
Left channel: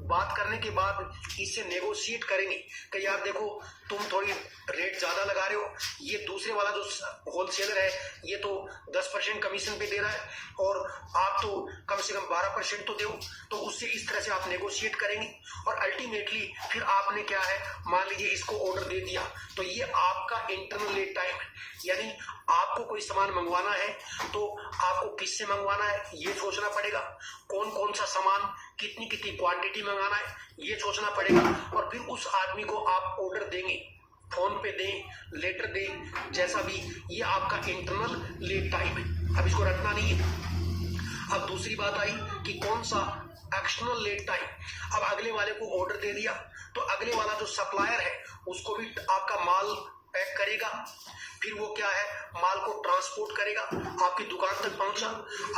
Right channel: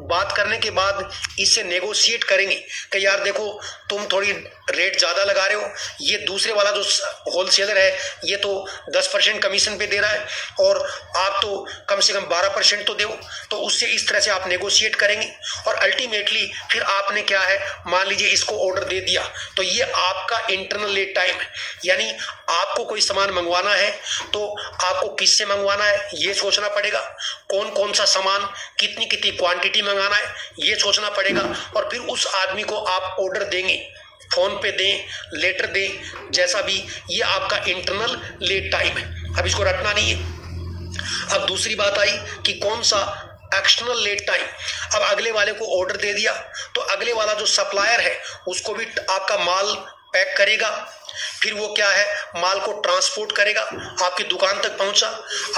बात करने के बाद इससे नेगोशिएट करेंगे कि यार देखो तुम थोड़ी रेट ज़्यादा लगा रहे हो, ये दूसरे वाला जो होलसेलर है ये तो 10% कमीशन पे दे रहा है और आप तो कम से कम 12% तो दो। तो उससे इस तरह से आप नेगोशिएट करेंगे और अल्टीमेटली फिर आपने क्या है, मान लीजिए इसको ऑर्डर दे दिया, तो ये आपका इंटरनल लीड टाइम है। यानी आपको कोई सामान मंगवाना है तो आपको किससे मंगवाना है ये सोचना पड़ेगा, कौन कौन सा सामान कितनी कितनी क्वांटिटी मंगाना है ये सोचना पड़ेगा, और फिर उस आदमी को आप ऑर्डर देंगे, फोन पे दें, लेटर दें, जैसा भी। ये आपका इंटरनल लीड टाइम है। अब इसको रटना नहीं है। अब दूसरी बात आई कि कौन सा एक्सटर्नल लीड टाइम। अब अगले वाले को ऑर्डर दे दिया तो अगले वाला जो सप्लायर है उसको भी आपका माल पैक करेगा, फिर वो क्या है, माल को ट्रांसपोर्ट करेगा, आपकी दुकान तक पहुंचा।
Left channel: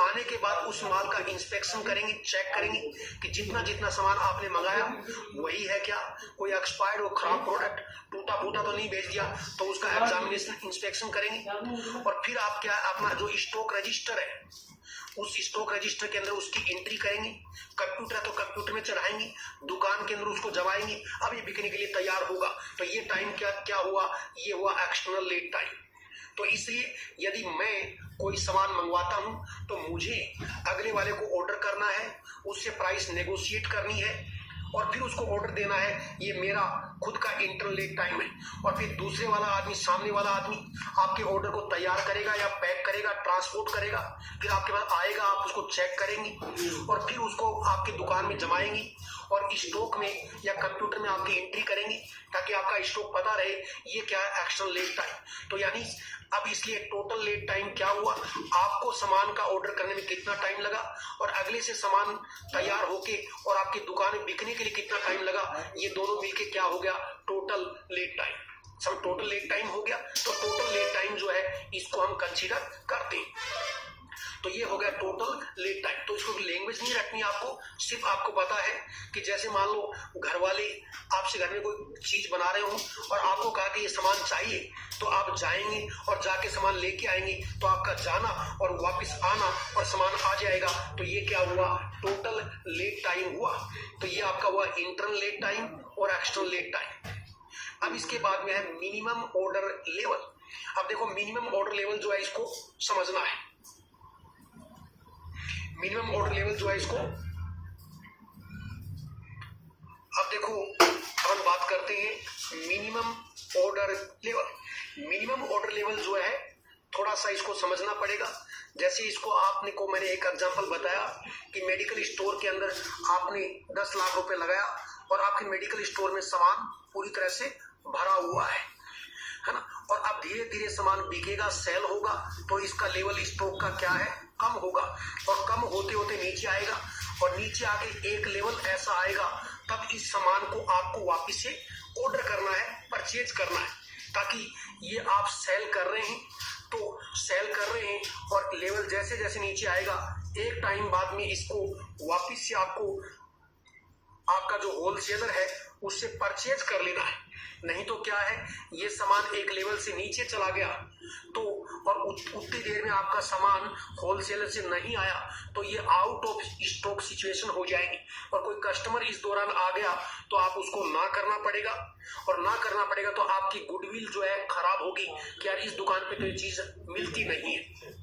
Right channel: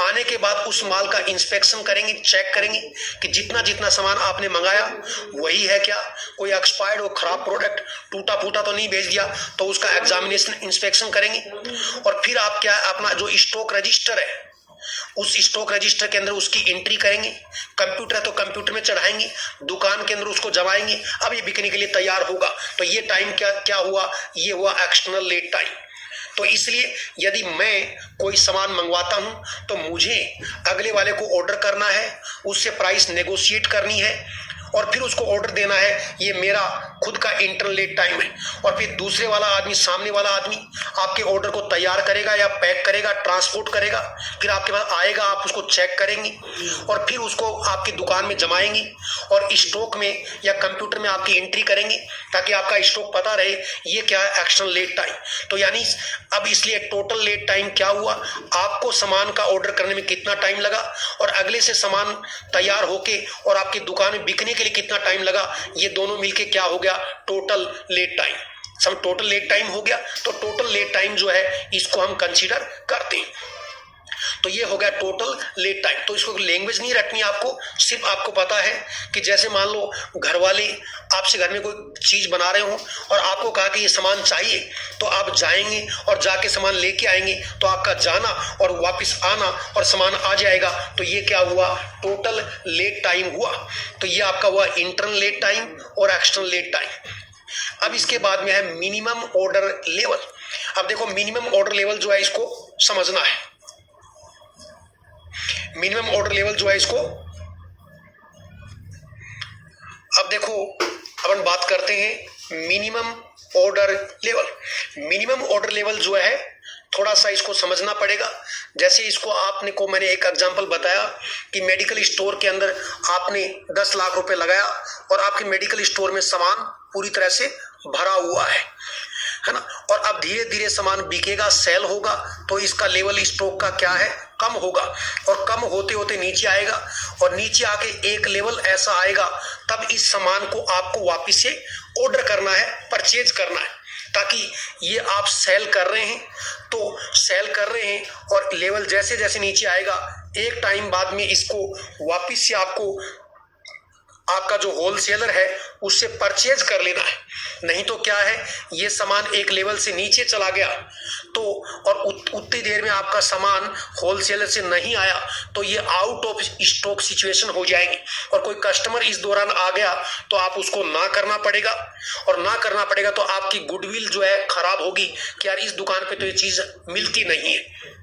आने के बाद उस माल का इंस्पेक्शन करेंगे, चेक करेंगे कि जितना जितना सामान आपने मंगाया वही है क्या, कोई एक्सपायर्ड हो, खराब प्रोडक्ट, टूटा फूटा तो नहीं भेज दिया, तो उसका एग्जामिनेशन इंस्पेक्शन करेंगे। और फिर आप क्या, अपना जो स्टॉक रजिस्टर है उस स्टॉक रजिस्टर के अंदर उसकी एंट्री करेंगे। कंप्यूटर है तो कंप्यूटर में चढ़ाएंगे, दुकान के अंदर उसको जमाएंगे। अब ये बिकने के लिए तैयार होगा। तो ये टाइम क्या हुआ, ये हुआ एक्सटर्नल लीड टाइम। तो इसलिए यदि मैं कोई सामान मंगवाता हूं तो मुझे अगले वाले को ऑर्डर करना है, उससे प्राइस नेगोशिएट करनी है और फिर उसको ऑर्डर देना है। ये मेरा खुद का इंटरनल लीड टाइम है। और फिर दूसरे वाला आदमी, सामने वाला आदमी आपके ऑर्डर को तैयार करेगा या पैक करेगा, ट्रांसपोर्ट करेगा, फिर आपके पास आएगा, आप उसको चेक करेंगे और फिर उसको आपकी दुकान में जमाएंगे और स्टॉक में या कंप्यूटर में आपकी एंट्री करेंगे ताकि आपका स्टॉक पता रहे। ये क्या है, एक्सटर्नल लीड टाइम। तो यानी अब इसलिए टोटल लीड टाइम क्या हुआ, आपको सामान का ऑर्डर करने में कितना टाइम लगा और अगले से सामान तैयार होके और आपकी दुकान में बिकने के लिए कितना टाइम लगा, ये दोनों मिलके क्या हो गया, टोटल लीड टाइम। सब टोटल लीड टाइम हो गया। तो टोटल लीड टाइम जो है इसको हम कंसीडर करते हैं। तो ये हो गया टोटल लीड टाइम। तो इसको लैंग्वेज नहीं रखनी आपको, सिर्फ आपको पता है कि जैसे मान लो घर वाले आपसे घर में कोई चीज बना रहे हो और आपको कहा कि ये सामान चाहिए, तो आप जाएंगे और जाके सामान लेके आएंगे। तो आपका जाना और वापस आना और सामान आ जाएगा। तो ये क्या हुआ, टोटल लीड टाइम हुआ। तो ये आपका हुआ इंटरनल लीड टाइम और एक्सटर्नल लीड टाइम। अब इसके बाद में है मिनिमम ऑर्डर लेवल। अब देखो मिनिमम ऑर्डर लेवल जो है इसको समझना है। मिनिमम ऑर्डर लेवल जो है इसको, अब देखो अपन बात करते हैं minimum order level. Minimum order level जो है थोड़ा सा इसको समझना पड़ेगा। जैसे इसको आपने को मैंने एक एग्जांपल बताया कि मेडिकल स्टोर के अंदर आपने 10 लाख रुपए लगाया और आपके मेडिकल स्टोर में सामान पूरी तरह से भरा हुआ है ना। और अब धीरे धीरे सामान बिकेगा, सेल होगा, तो इसका लेवल स्टॉक का क्या है, कम होगा और कम होते होते नीचे आएगा और नीचे आके एक लेवल ऐसा आएगा, तब इस सामान को आपको वापस से ऑर्डर करना है, परचेज करना है, ताकि ये आप सेल कर रहे हैं तो सेल कर रहे हैं और लेवल जैसे जैसे नीचे आएगा एक टाइम बाद में इसको वापस से आपको आपका जो होलसेलर है उससे परचेज कर लेना है। नहीं तो क्या है, ये सामान एक लेवल से नीचे चला गया तो और उतनी देर में आपका सामान होलसेलर से नहीं आया तो ये आउट ऑफ स्टॉक सिचुएशन हो जाएगी और कोई कस्टमर इस दौरान आ गया तो आप उसको ना करना पड़ेगा और ना करना पड़ेगा तो आपकी गुडविल जो है खराब होगी कि यार इस दुकान पे तो ये चीज मिलती नहीं है।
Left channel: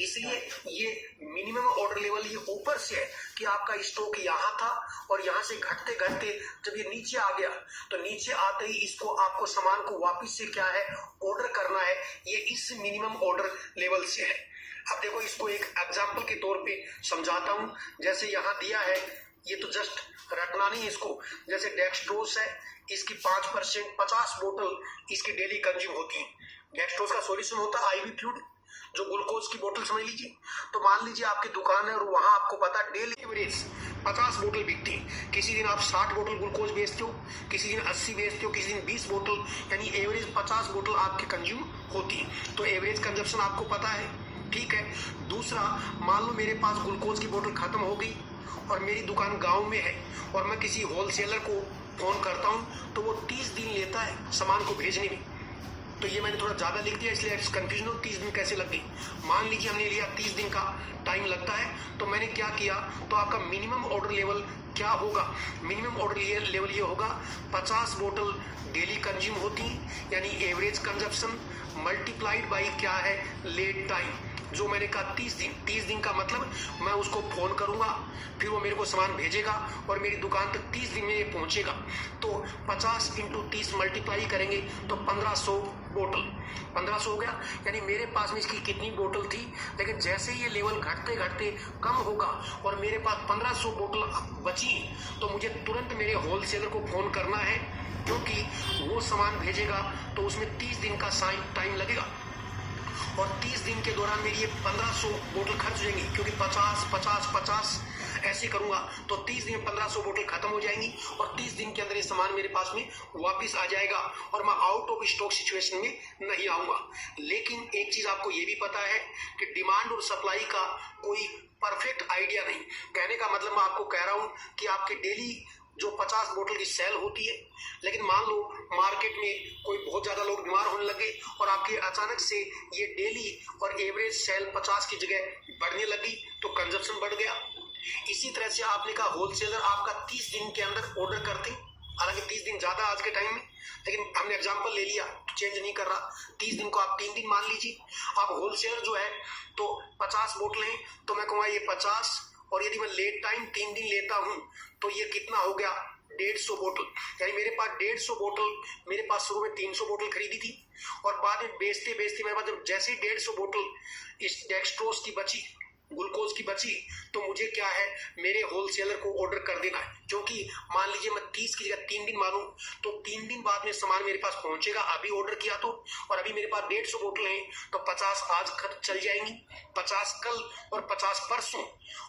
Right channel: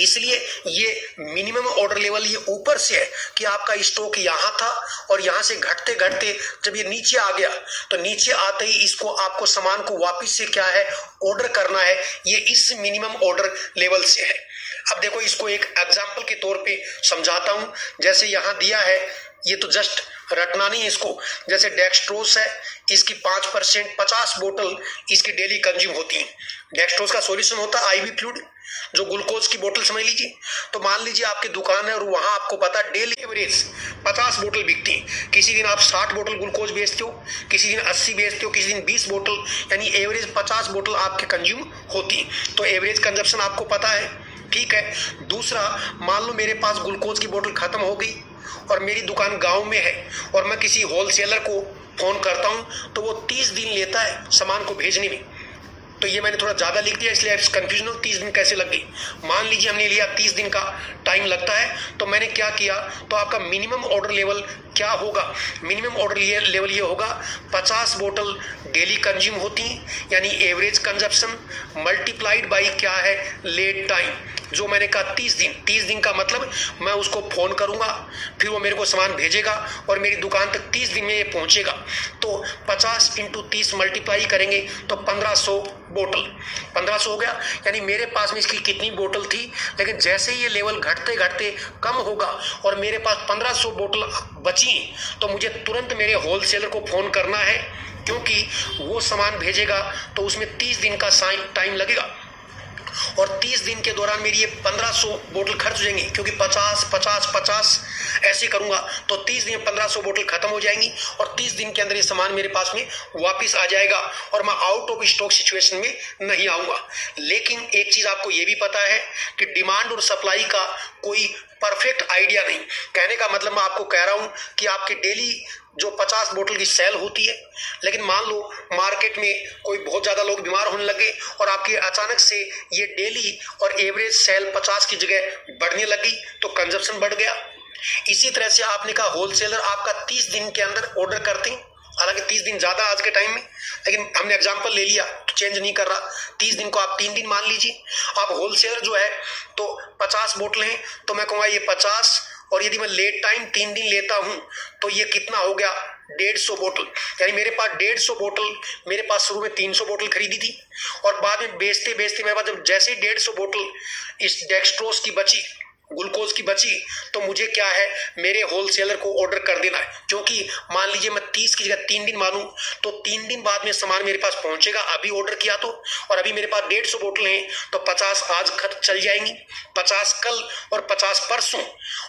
इसलिए ये मिनिमम ऑर्डर लेवल ये ऊपर से है कि आपका स्टॉक यहाँ था और यहाँ से घटते घटते जब ये नीचे आ गया तो नीचे आते ही इसको आपको सामान को वापस से क्या है, ऑर्डर करना है। ये इस मिनिमम ऑर्डर लेवल से है। अब देखो इसको एक एग्जांपल के तौर पे समझाता हूँ। जैसे यहाँ दिया है, ये तो जस्ट रटना नहीं है इसको। जैसे डेक्सट्रोस है, इसकी 5% 50 बोतल इसकी डेली कंज्यूम होती है। डेक्सट्रोस का सॉल्यूशन होता है आईवी फ्लूइड, जो ग्लूकोज की बोतल समझ लीजिए। तो मान लीजिए आपकी दुकान है और वहां आपको पता डेली एवरेज 50 बोतल बिकती है। किसी दिन आप 60 बोतल ग्लूकोज बेचते हो, किसी दिन 80 बेचते हो, किसी दिन 20 बोतल, यानी एवरेज 50 बोतल आपके कंज्यूम होती है। तो एवरेज कंजप्शन आपको पता है, ठीक है। दूसरा, मान लो मेरे पास ग्लूकोज की बोतल खत्म हो गई और मेरी दुकान गांव में है और मैं किसी होलसेलर को फ़ोन करता हूं तो वो 30 दिन लेता है सामान को भेजने में। तो ये मैंने थोड़ा ज़्यादा लिख दिया इसलिए कंफ्यूजन हो 30 दिन कैसे लग गई। मान लीजिए हमने लिया 30 दिन का टाइम लगता है, तो मैंने क्या किया, तो आपका मिनिमम ऑर्डर लेवल क्या होगा, मिनिमम ऑर्डर लेवल ये होगा 50 बोतल डेली कंज्यूम होती हैं, यानी एवरेज कंजप्शन मल्टीप्लाइड बाई क्या है, लेट टाइम, जो मैंने कहा 30 दिन का मतलब मैं उसको फ़ोन करूंगा, फिर वो मेरे को सामान भेजेगा और मेरी दुकान तक 30 दिन में ये पहुंचेगा। तो 50 × 30 मल्टीप्लाई करेंगे तो 1500 बोतल, 1500 हो गया। यानी मेरे पास में इसकी कितनी बोतल थी, लेकिन जैसे ही ये लेवल घटते घटते कम होगा और मेरे पास 1500 बोतल बची, तो मुझे तुरंत मेरे होलसेलर को फ़ोन करना है, क्योंकि वो सामान भेजेगा तो उसमें 30 दिन का टाइम लगेगा और 30 दिन के दौरान मेरी ये 1500 बोतल खर्च हो जाएंगी, क्योंकि 50 ऐसे करूंगा तो 30 दिन में 1500 बोतल खत्म हो जाएंगी और 30 दिन के अंदर ये सामान मेरे पास में वापस आ जाएगा और मैं आउट ऑफ स्टॉक सिचुएशन में नहीं आऊंगा। लेकिन एक चीज आपको ये भी पता है कि डिमांड और सप्लाई का कोई परफेक्ट आइडिया नहीं। कहने का मतलब मैं आपको कह रहा हूं कि आपकी डेली जो 50 बोतल की सेल होती है, लेकिन मान लो मार्केट में कोई बहुत ज़्यादा लोग बीमार होने लगे और आपके अचानक से ये डेली और एवरेज सेल 50 की जगह बढ़ने लगी, तो कंजप्शन बढ़ गया। इसी तरह से आपने कहा होलसेलर आपका 30 दिन के अंदर ऑर्डर करते हैं, हालांकि 30 दिन ज़्यादा आज के टाइम में, लेकिन हमने एग्जाम्पल ले लिया तो चेंज नहीं कर रहा। 30 दिन को आप 3 दिन मान लीजिए। आप होलसेलर जो है तो 50 बोतलें हैं, तो मैं कहूँगा ये 50, और यदि मैं लेट टाइम 3 दिन लेता हूं तो ये कितना हो गया, 150 बोतल। यानी मेरे पास 150 बोतल, मेरे पास शुरू में 300 बोतल खरीदी थी और बाद में बेचते बेचते मेरे पास जब जैसे ही 150 बोतल इस डेक्सट्रोज की बची, ग्लूकोज की बची, तो मुझे क्या है, मेरे होलसेलर को ऑर्डर कर देना है। क्योंकि मान लीजिए मैं 30 की जगह 3 दिन मानूं तो 3 दिन बाद में सामान मेरे पास पहुंचेगा, अभी ऑर्डर किया तो, और अभी मेरे पास 150 बोतल हैं तो 50 आज खत्म चल जाएंगी, 50 कल और 50 परसों,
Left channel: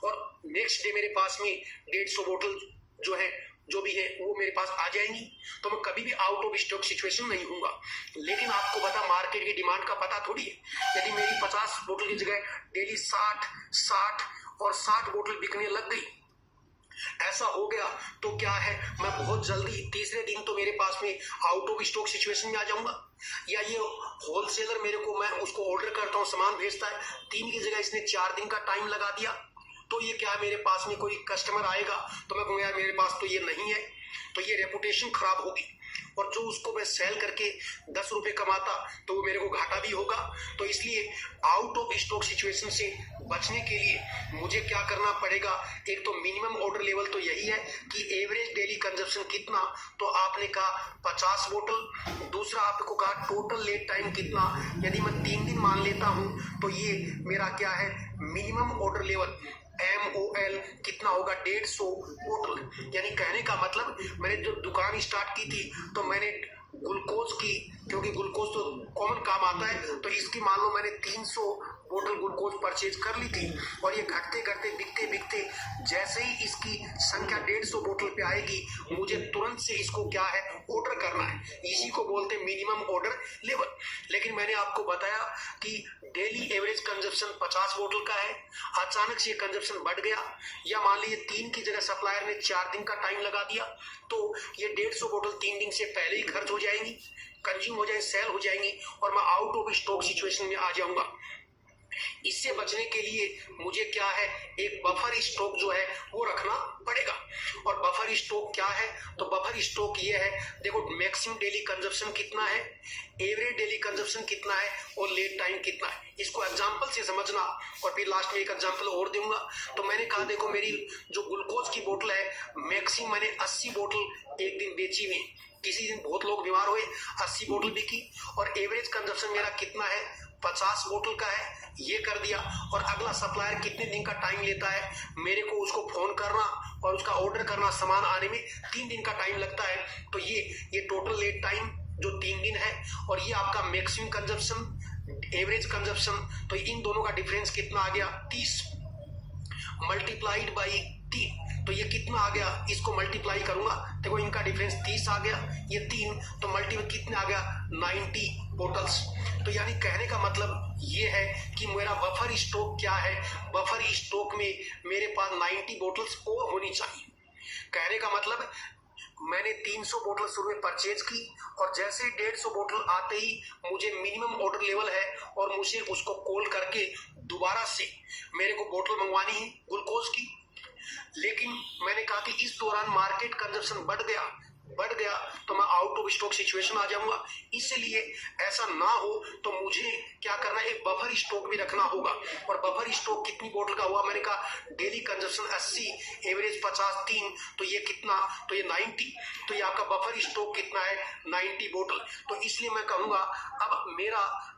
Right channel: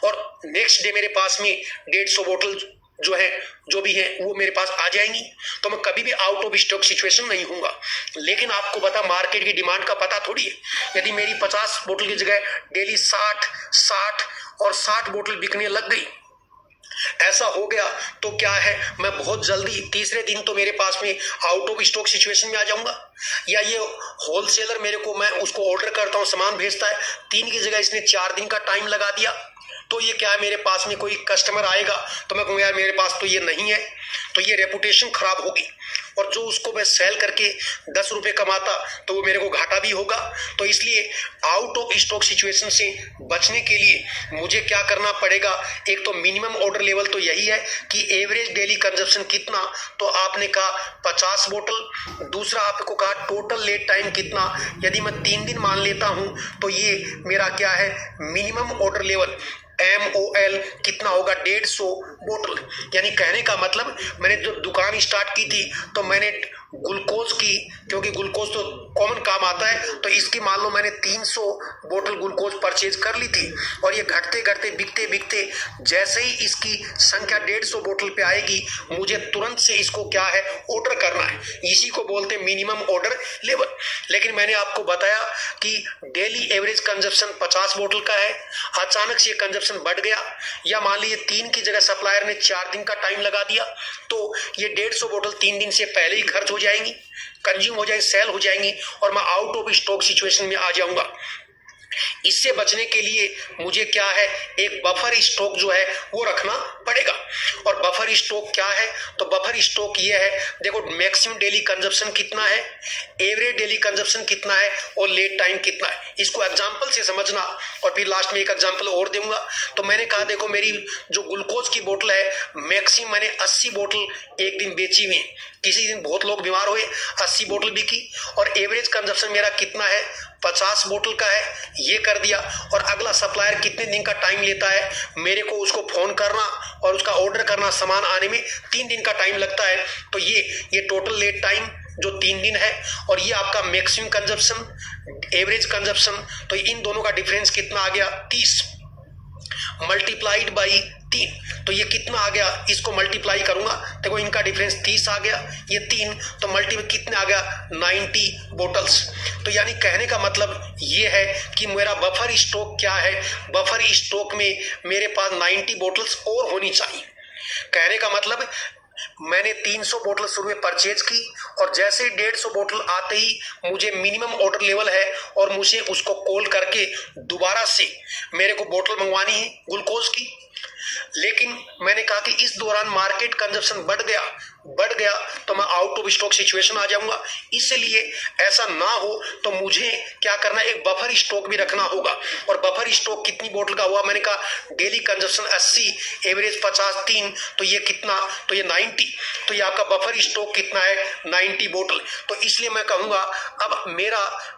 और नेक्स्ट डे मेरे पास में 150 बोतल जो है, जो भी है वो मेरे पास आ जाएंगी। तो मैं कभी भी आउट ऑफ स्टॉक सिचुएशन नहीं हूँगा। लेकिन आपको पता मार्केट की डिमांड का पता थोड़ी है। यदि मेरी 50 बोतल की जगह डेली 60 और 60 बोतल बिकने लग गई, ऐसा हो गया, तो क्या है, मैं बहुत जल्दी तीसरे दिन तो मेरे पास में आउट ऑफ स्टॉक सिचुएशन में आ जाऊंगा। या ये होलसेलर मेरे को, मैं उसको ऑर्डर करता हूँ, सामान भेजता है, 3 की जगह इसने 4 दिन का टाइम लगा दिया, तो ये क्या है, मेरे पास में कोई कस्टमर आएगा तो मैं कहूँगा यार मेरे पास तो ये नहीं है, तो ये रेपुटेशन खराब होगी, और जो उसको मैं सेल करके 10 रुपये कमाता तो वो मेरे को घाटा भी होगा। तो इसलिए आउट ऑफ स्टॉक सिचुएशन से बचने के लिए मुझे क्या करना पड़ेगा, एक तो मिनिमम ऑर्डर लेवल तो यही है कि एवरेज डेली कंजप्शन कितना, तो आपने कहा 50 बोतल। दूसरा आपको कहा टोटल लेट टाइम कितना, यदि मैं 3 दिन मान लेता हूँ तो ये मेरा क्या है, मिनिमम ऑर्डर लेवल MOL कितना होगा, 150 बोतल। यानी कहने का मतलब मैंने जब दुकान स्टार्ट की थी तो मैंने ग्लूकोज की, क्योंकि ग्लूकोज तो कॉमन काम आता है, तो इसकी मान लो मैंने 300 बोतल ग्लूकोज परचेज कर ली थी, और ये घटते घटते बिकते बिकते जैसे ही इसकी संख्या 150 बोतल पे आएगी, मुझे तुरंत से इसको क्या है, ऑर्डर करना है। इसी को बोलते हैं मिनिमम ऑर्डर लेवल। लेकिन मैंने आपको बताया कि डेली एवरेज कंजप्शन 50 बोतल का है, अचानक से ये कंजप्शन बढ़ गया, या मान लीजिए 3 की जगह सप्लायर ने 4 दिन का टाइम लगा दिया, तो ये 150 बोतल 3 दिन से पहले ही खर्च हो जाएंगी, कंज्यूम हो जाएंगी, सेल हो जाएंगी, और मैं आउट ऑफ स्टॉक सिचुएशन में आ जाऊंगा। इससे बचने के लिए मुझे क्या है, एक बफर स्टॉक जो है वो रखना पड़ेगा। और बफर स्टॉक क्या है, तो बफर स्टॉक ये है, देखो मैक्सिमम डेली कंजप्शन कितना है, एवरेज डेली कंजप्शन कितना है, और लेट टाइम कितना है। इसको एग्जांपल से समझना, और फिर लास्ट में एक एग्जांपल और दूंगा। तो मैंने कहा देखो मेरी जो ग्लूकोज की बोतल है, मैक्सिमम मैंने 80 बोतल एक दिन बेची हुई, किसी दिन बहुत लोग बीमार हुए, 80 बोतल बिकी, और एवरेज कंजप्शन मेरा कितना है, 50 बोतल का है, ये कर दिया। और अगला सप्लायर कितने दिन का टाइम लेता है, मेरे को उसको फोन करना और उसका ऑर्डर करना, सामान आने में 3 दिन का टाइम लगता है, तो ये टोटल लेट टाइम जो 3 दिन है, और ये आपका मैक्सिमम कंजप्शन, एवरेज कंजप्शन, तो इन दोनों का डिफरेंस कितना आ गया, 30 मल्टीप्लाइड बाई 3, तो ये कितना आ गया, इसको मल्टीप्लाई करूंगा, देखो इनका डिफरेंस 30 आ गया, ये 3, तो मल्टीप्लाई कितने आ गया, 90 बोटल्स। तो यानी कहने का मतलब ये है कि मेरा बफर स्टॉक क्या है, बफर स्टॉक में मेरे पास 90 बोतल्स और होनी चाहिए। कहने का मतलब मैंने 300 बोतल शुरू में परचेज की और जैसे ही 150 बोतल आते ही मुझे मिनिमम ऑर्डर लेवल है और मुझे उसको कॉल करके दोबारा से मेरे को बोतल मंगवानी है ग्लूकोज की। लेकिन मैंने कहा कि इस दौरान मार्केट कंजप्शन बढ़ गया तो मैं आउट ऑफ स्टॉक सिचुएशन आ जाऊंगा। इसलिए ऐसा ना हो तो मुझे क्या करना है, एक बफर स्टॉक भी रखना होगा। और बफर स्टॉक कितनी बोतल का हुआ, मैंने कहा डेली कंजप्शन 80, एवरेज 50, 3, तो ये कितना, तो ये 90, तो ये आपका बफर स्टॉक कितना है, 90 बोतल। तो इसलिए मैं कहूंगा अब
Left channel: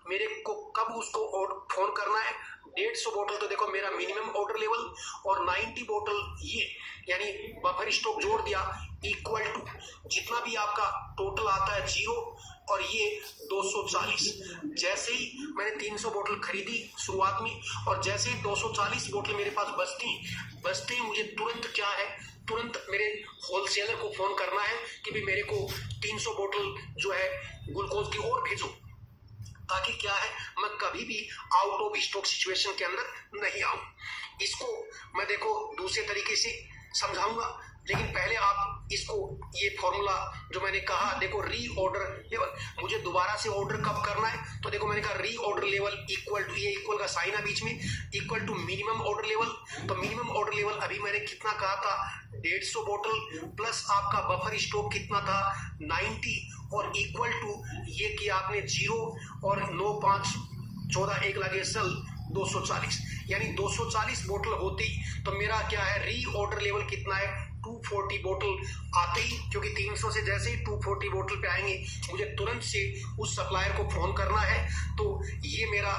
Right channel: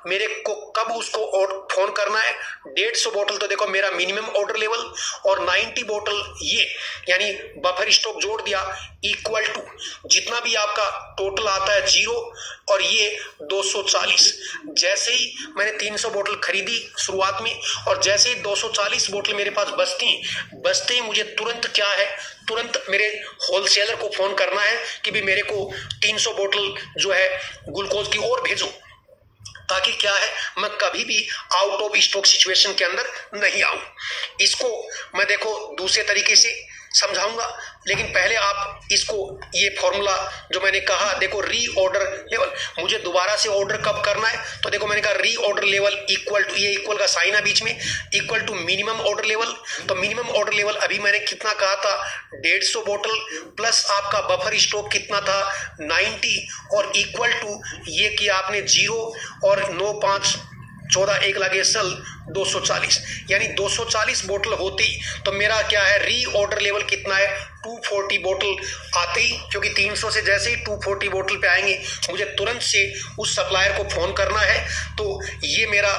मेरे को कब उसको फोन करना है, 150 बोतल तो देखो मेरा मिनिमम ऑर्डर लेवल और 90 बोतल ये यानी बफर स्टॉक जोड़ दिया इक्वल टू जितना भी आपका टोटल आता है 0 और ये 240। जैसे ही मैंने 300 बोतल खरीदी शुरुआत में और जैसे ही 240 बोतल मेरे पास बचते ही मुझे तुरंत मेरे होलसेलर को फोन करना है कि भी मेरे को 300 बोतल जो है ग्लूकोज की और भेजो, ताकि क्या है मैं कभी भी आउट ऑफ स्टॉक सिचुएशन के अंदर नहीं आऊं। इसको मैं देखो दूसरे तरीके से समझाऊंगा, लेकिन पहले आप इसको ये फॉर्मूला जो मैंने कहा देखो, री ऑर्डर लेवल मुझे दोबारा से ऑर्डर कब करना है, तो देखो मैंने कहा reorder level equal to, ये इक्वल का साइन है बीच में, equal to minimum order level. तो मिनिमम ऑर्डर लेवल अभी मैंने कितना कहा था, 150 बोतल प्लस आपका बफर स्टॉक कितना था 90 और इक्वल टू ये किया आपने 0 और 9, 5, 14, 1 लगे सल 240, यानी 240 बोतल होती तो मेरा क्या है री ऑर्डर लेवल कितना है, 240 बोतल आते ही, क्योंकि 300 से जैसे ही 240 बोतल पे आएंगे मुझे तुरंत से उस सप्लायर को फोन करना है। तो ये मेरा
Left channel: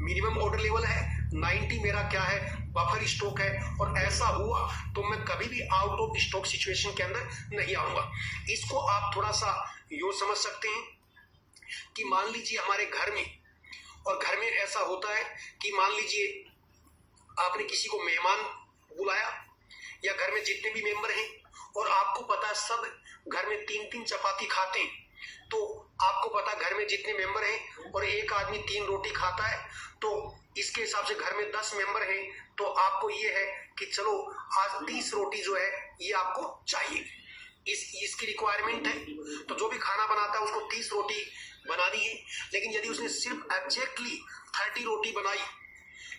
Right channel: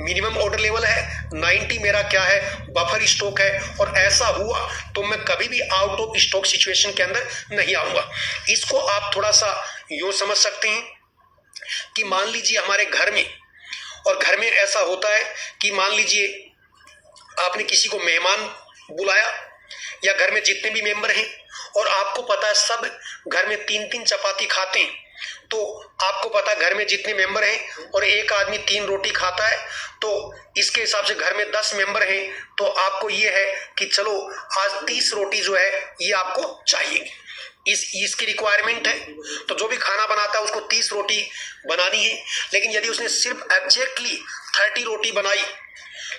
मिनिमम ऑर्डर लेवल है, 90 मेरा क्या है बफर स्टॉक है, और ऐसा हुआ तो मैं कभी भी आउट ऑफ स्टॉक सिचुएशन के अंदर नहीं आऊंगा। इसको आप थोड़ा सा यूं समझ सकते हैं कि मान लीजिए हमारे घर में, और घर में ऐसा होता है कि मान लीजिए आपने किसी को मेहमान बुलाया या घर में जितने भी मेंबर हैं और आपको पता है सब घर में 3-3 चपाती खाते हैं, तो आपको पता है घर में जितने मेंबर हैं और एक आदमी 3 रोटी खाता है, तो इसके हिसाब से घर में 10 मेंबर हैं, तो आपको ये है कि चलो आज 30 रोटी जो है ये आपको चाहिए, इसकी रिक्वायरमेंट है। तो जो भी खाना बनाता है उसको 30 रोटी बनानी है। लेकिन यदि उसने सिर्फ एग्जैक्टली 30 रोटी बनाई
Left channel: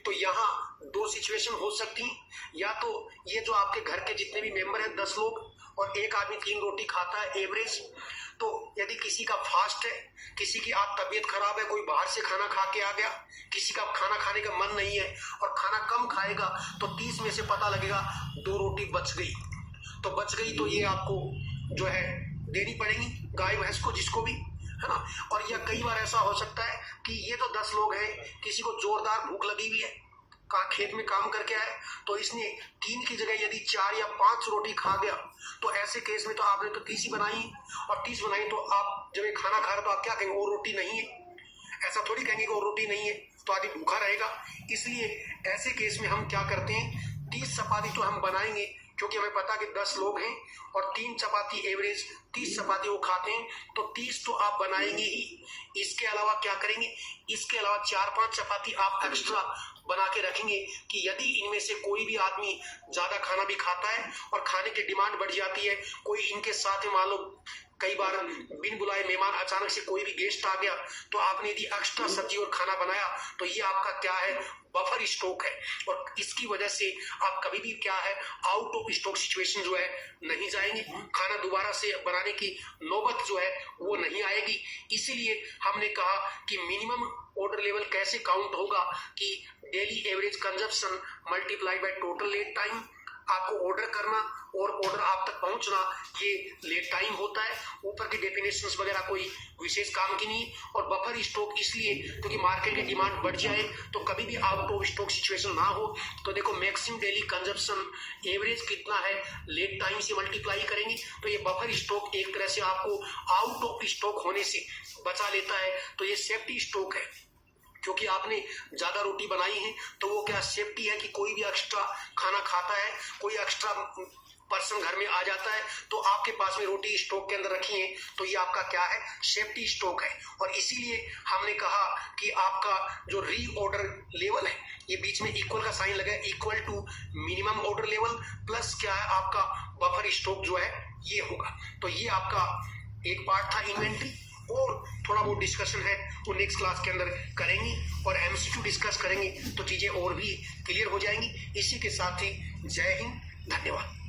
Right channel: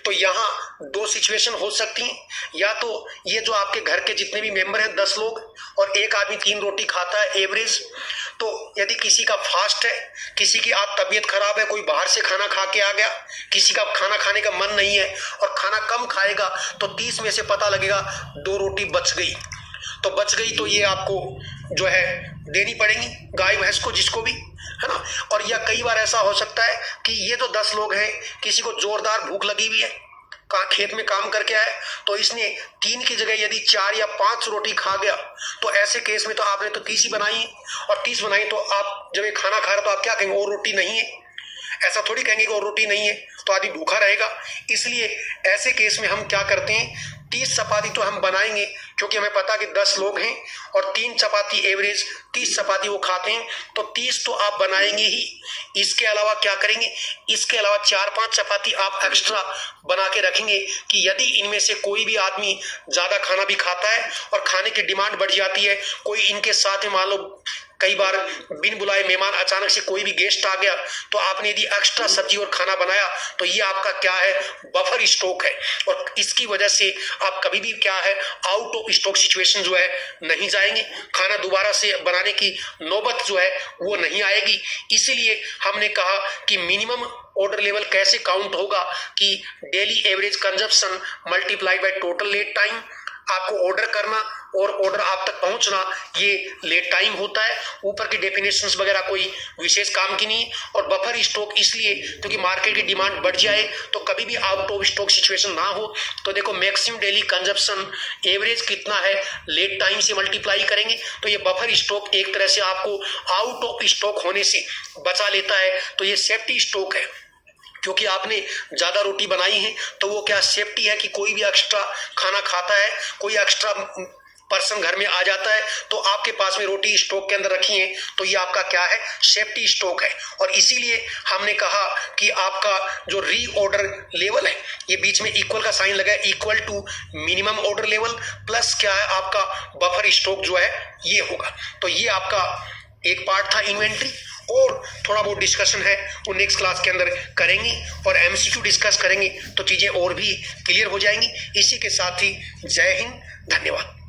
तो यहाँ 2 सिचुएशन हो सकती हैं, या तो ये जो आपके घर के जितने भी मेंबर हैं 10 लोग और एक आदमी 3 रोटी खाता है एवरेज, तो यदि किसी का फास्ट है, किसी की आज तबीयत खराब है, कोई बाहर से खाना खा के आ गया, किसी का खाना खाने का मन नहीं है और खाना कम खाएगा, तो 30 में से पता लगेगा 2 रोटी बच गई, तो ये आपको जो है देनी पड़ेगी गाय भैंस को, जिसको भी, है ना। और या कई बार ऐसा हो सकता है कि ये तो 10 लोग हैं, किसी को जोरदार भूख लगी हुई है, खेत में काम करके आए, तो इसने 3 की जगह यदि 4 या 5 रोटी खा गया, तो ऐसे केस में तो आपने तो 30 ही बनाई, और 30 बनाई तो आप जब ये खाना खा रहे तो आप क्या कहेंगे, और रोटी नहीं है, ऐसा थोड़ी कहेंगे कि और रोटी नहीं है, तो आदमी भूखा रहेगा। इसलिए ऐसे केस में हम क्या करते हैं, 30 चपाती तो हम बनाएंगे, क्योंकि हमें पता कि 10 लोग हैं और 3 चपाती एवरेज 30 चपाती वो खाते हैं, तो 30 तो आप बनाएंगे ही। इसके अलावा क्या करेंगे, इसके अलावा 4-5 चपाती आप एक्स्ट्रा बना के रखेंगे कि यदि इनमें से कोई भी आदमी ज्यादा खाना भी खाता है और खाने की डिमांड बढ़ जाती है, कोई इनके साथ में मान लो कई बार बिन बुलाए मेहमान अचानक से कोई भी गेस्ट आ गया, तो आपने यदि एक्स्ट्रा सब्जी और खाना बनाया तो ये आपका क्या है बफर स्टॉक है, और इसकी वजह से आप कभी भी क्या है आउट ऑफ स्टॉक सिचुएशन जो है नहीं जाएंगे, खाना दोबारा से बनाने की नौबत जो है वो नहीं आएगी। इसीलिए हमने कहा कि मिनिमम ऑर्डर लेवल कैसे काउंट होगा कि daily average consumption multiplied by total lead time, आपको ऑर्डर करना और ऑर्डर आप तक पहुंचना ये लेट टाइम होता है। ऊपर की डेफिनेशंस वगैरह कोई विशेष काम की नहीं। और बफर स्टॉक इसलिए क्योंकि मार्केट की डिमांड बढ़ जाए तो कभी भी आउट ऑफ स्टॉक सिचुएशन ना हो, तो देखो मैक्सिमम डेली कंजप्शन एवरेज कितना है लेट टाइम से मल्टीप्लाई करेंगे, तो ये बफर स्टॉक एक तरह से आपको आउट ऑफ स्टॉक होने से बचा लेता है। तो ये सेफ्टी स्टॉक है, क्योंकि आपने ज्यादा रोटी बनाई है तो वो क्या सेफ्टी है कि कोई भी एक्स्ट्रा खाना खाता है, कोई एक्स्ट्रा पर्सन घर में आ जाता है तो आपके पास में रोटी स्टॉक के अंदर रखी है, तो ये आपका क्या है, सेफ्टी स्टॉक है। और इसीलिए हमने कहा कि आपका जो रीऑर्डर लेवल है, ये बीच में इक्वल का साइन लगा है, equal to minimum order level plus क्या है आपका बफर स्टॉक जो है ये होगा। तो ये आपका एक पार्ट था इन्वेंट्री, और थोड़ा बहुत डिस्कशन है वो नेक्स्ट क्लास के अंदर करेंगी और एमसीक्यू डिस्कस करेंगे तो चीजें और भी क्लियर हो जाएंगी। इसी के साथ ही जय हिंद, धन्यवाद।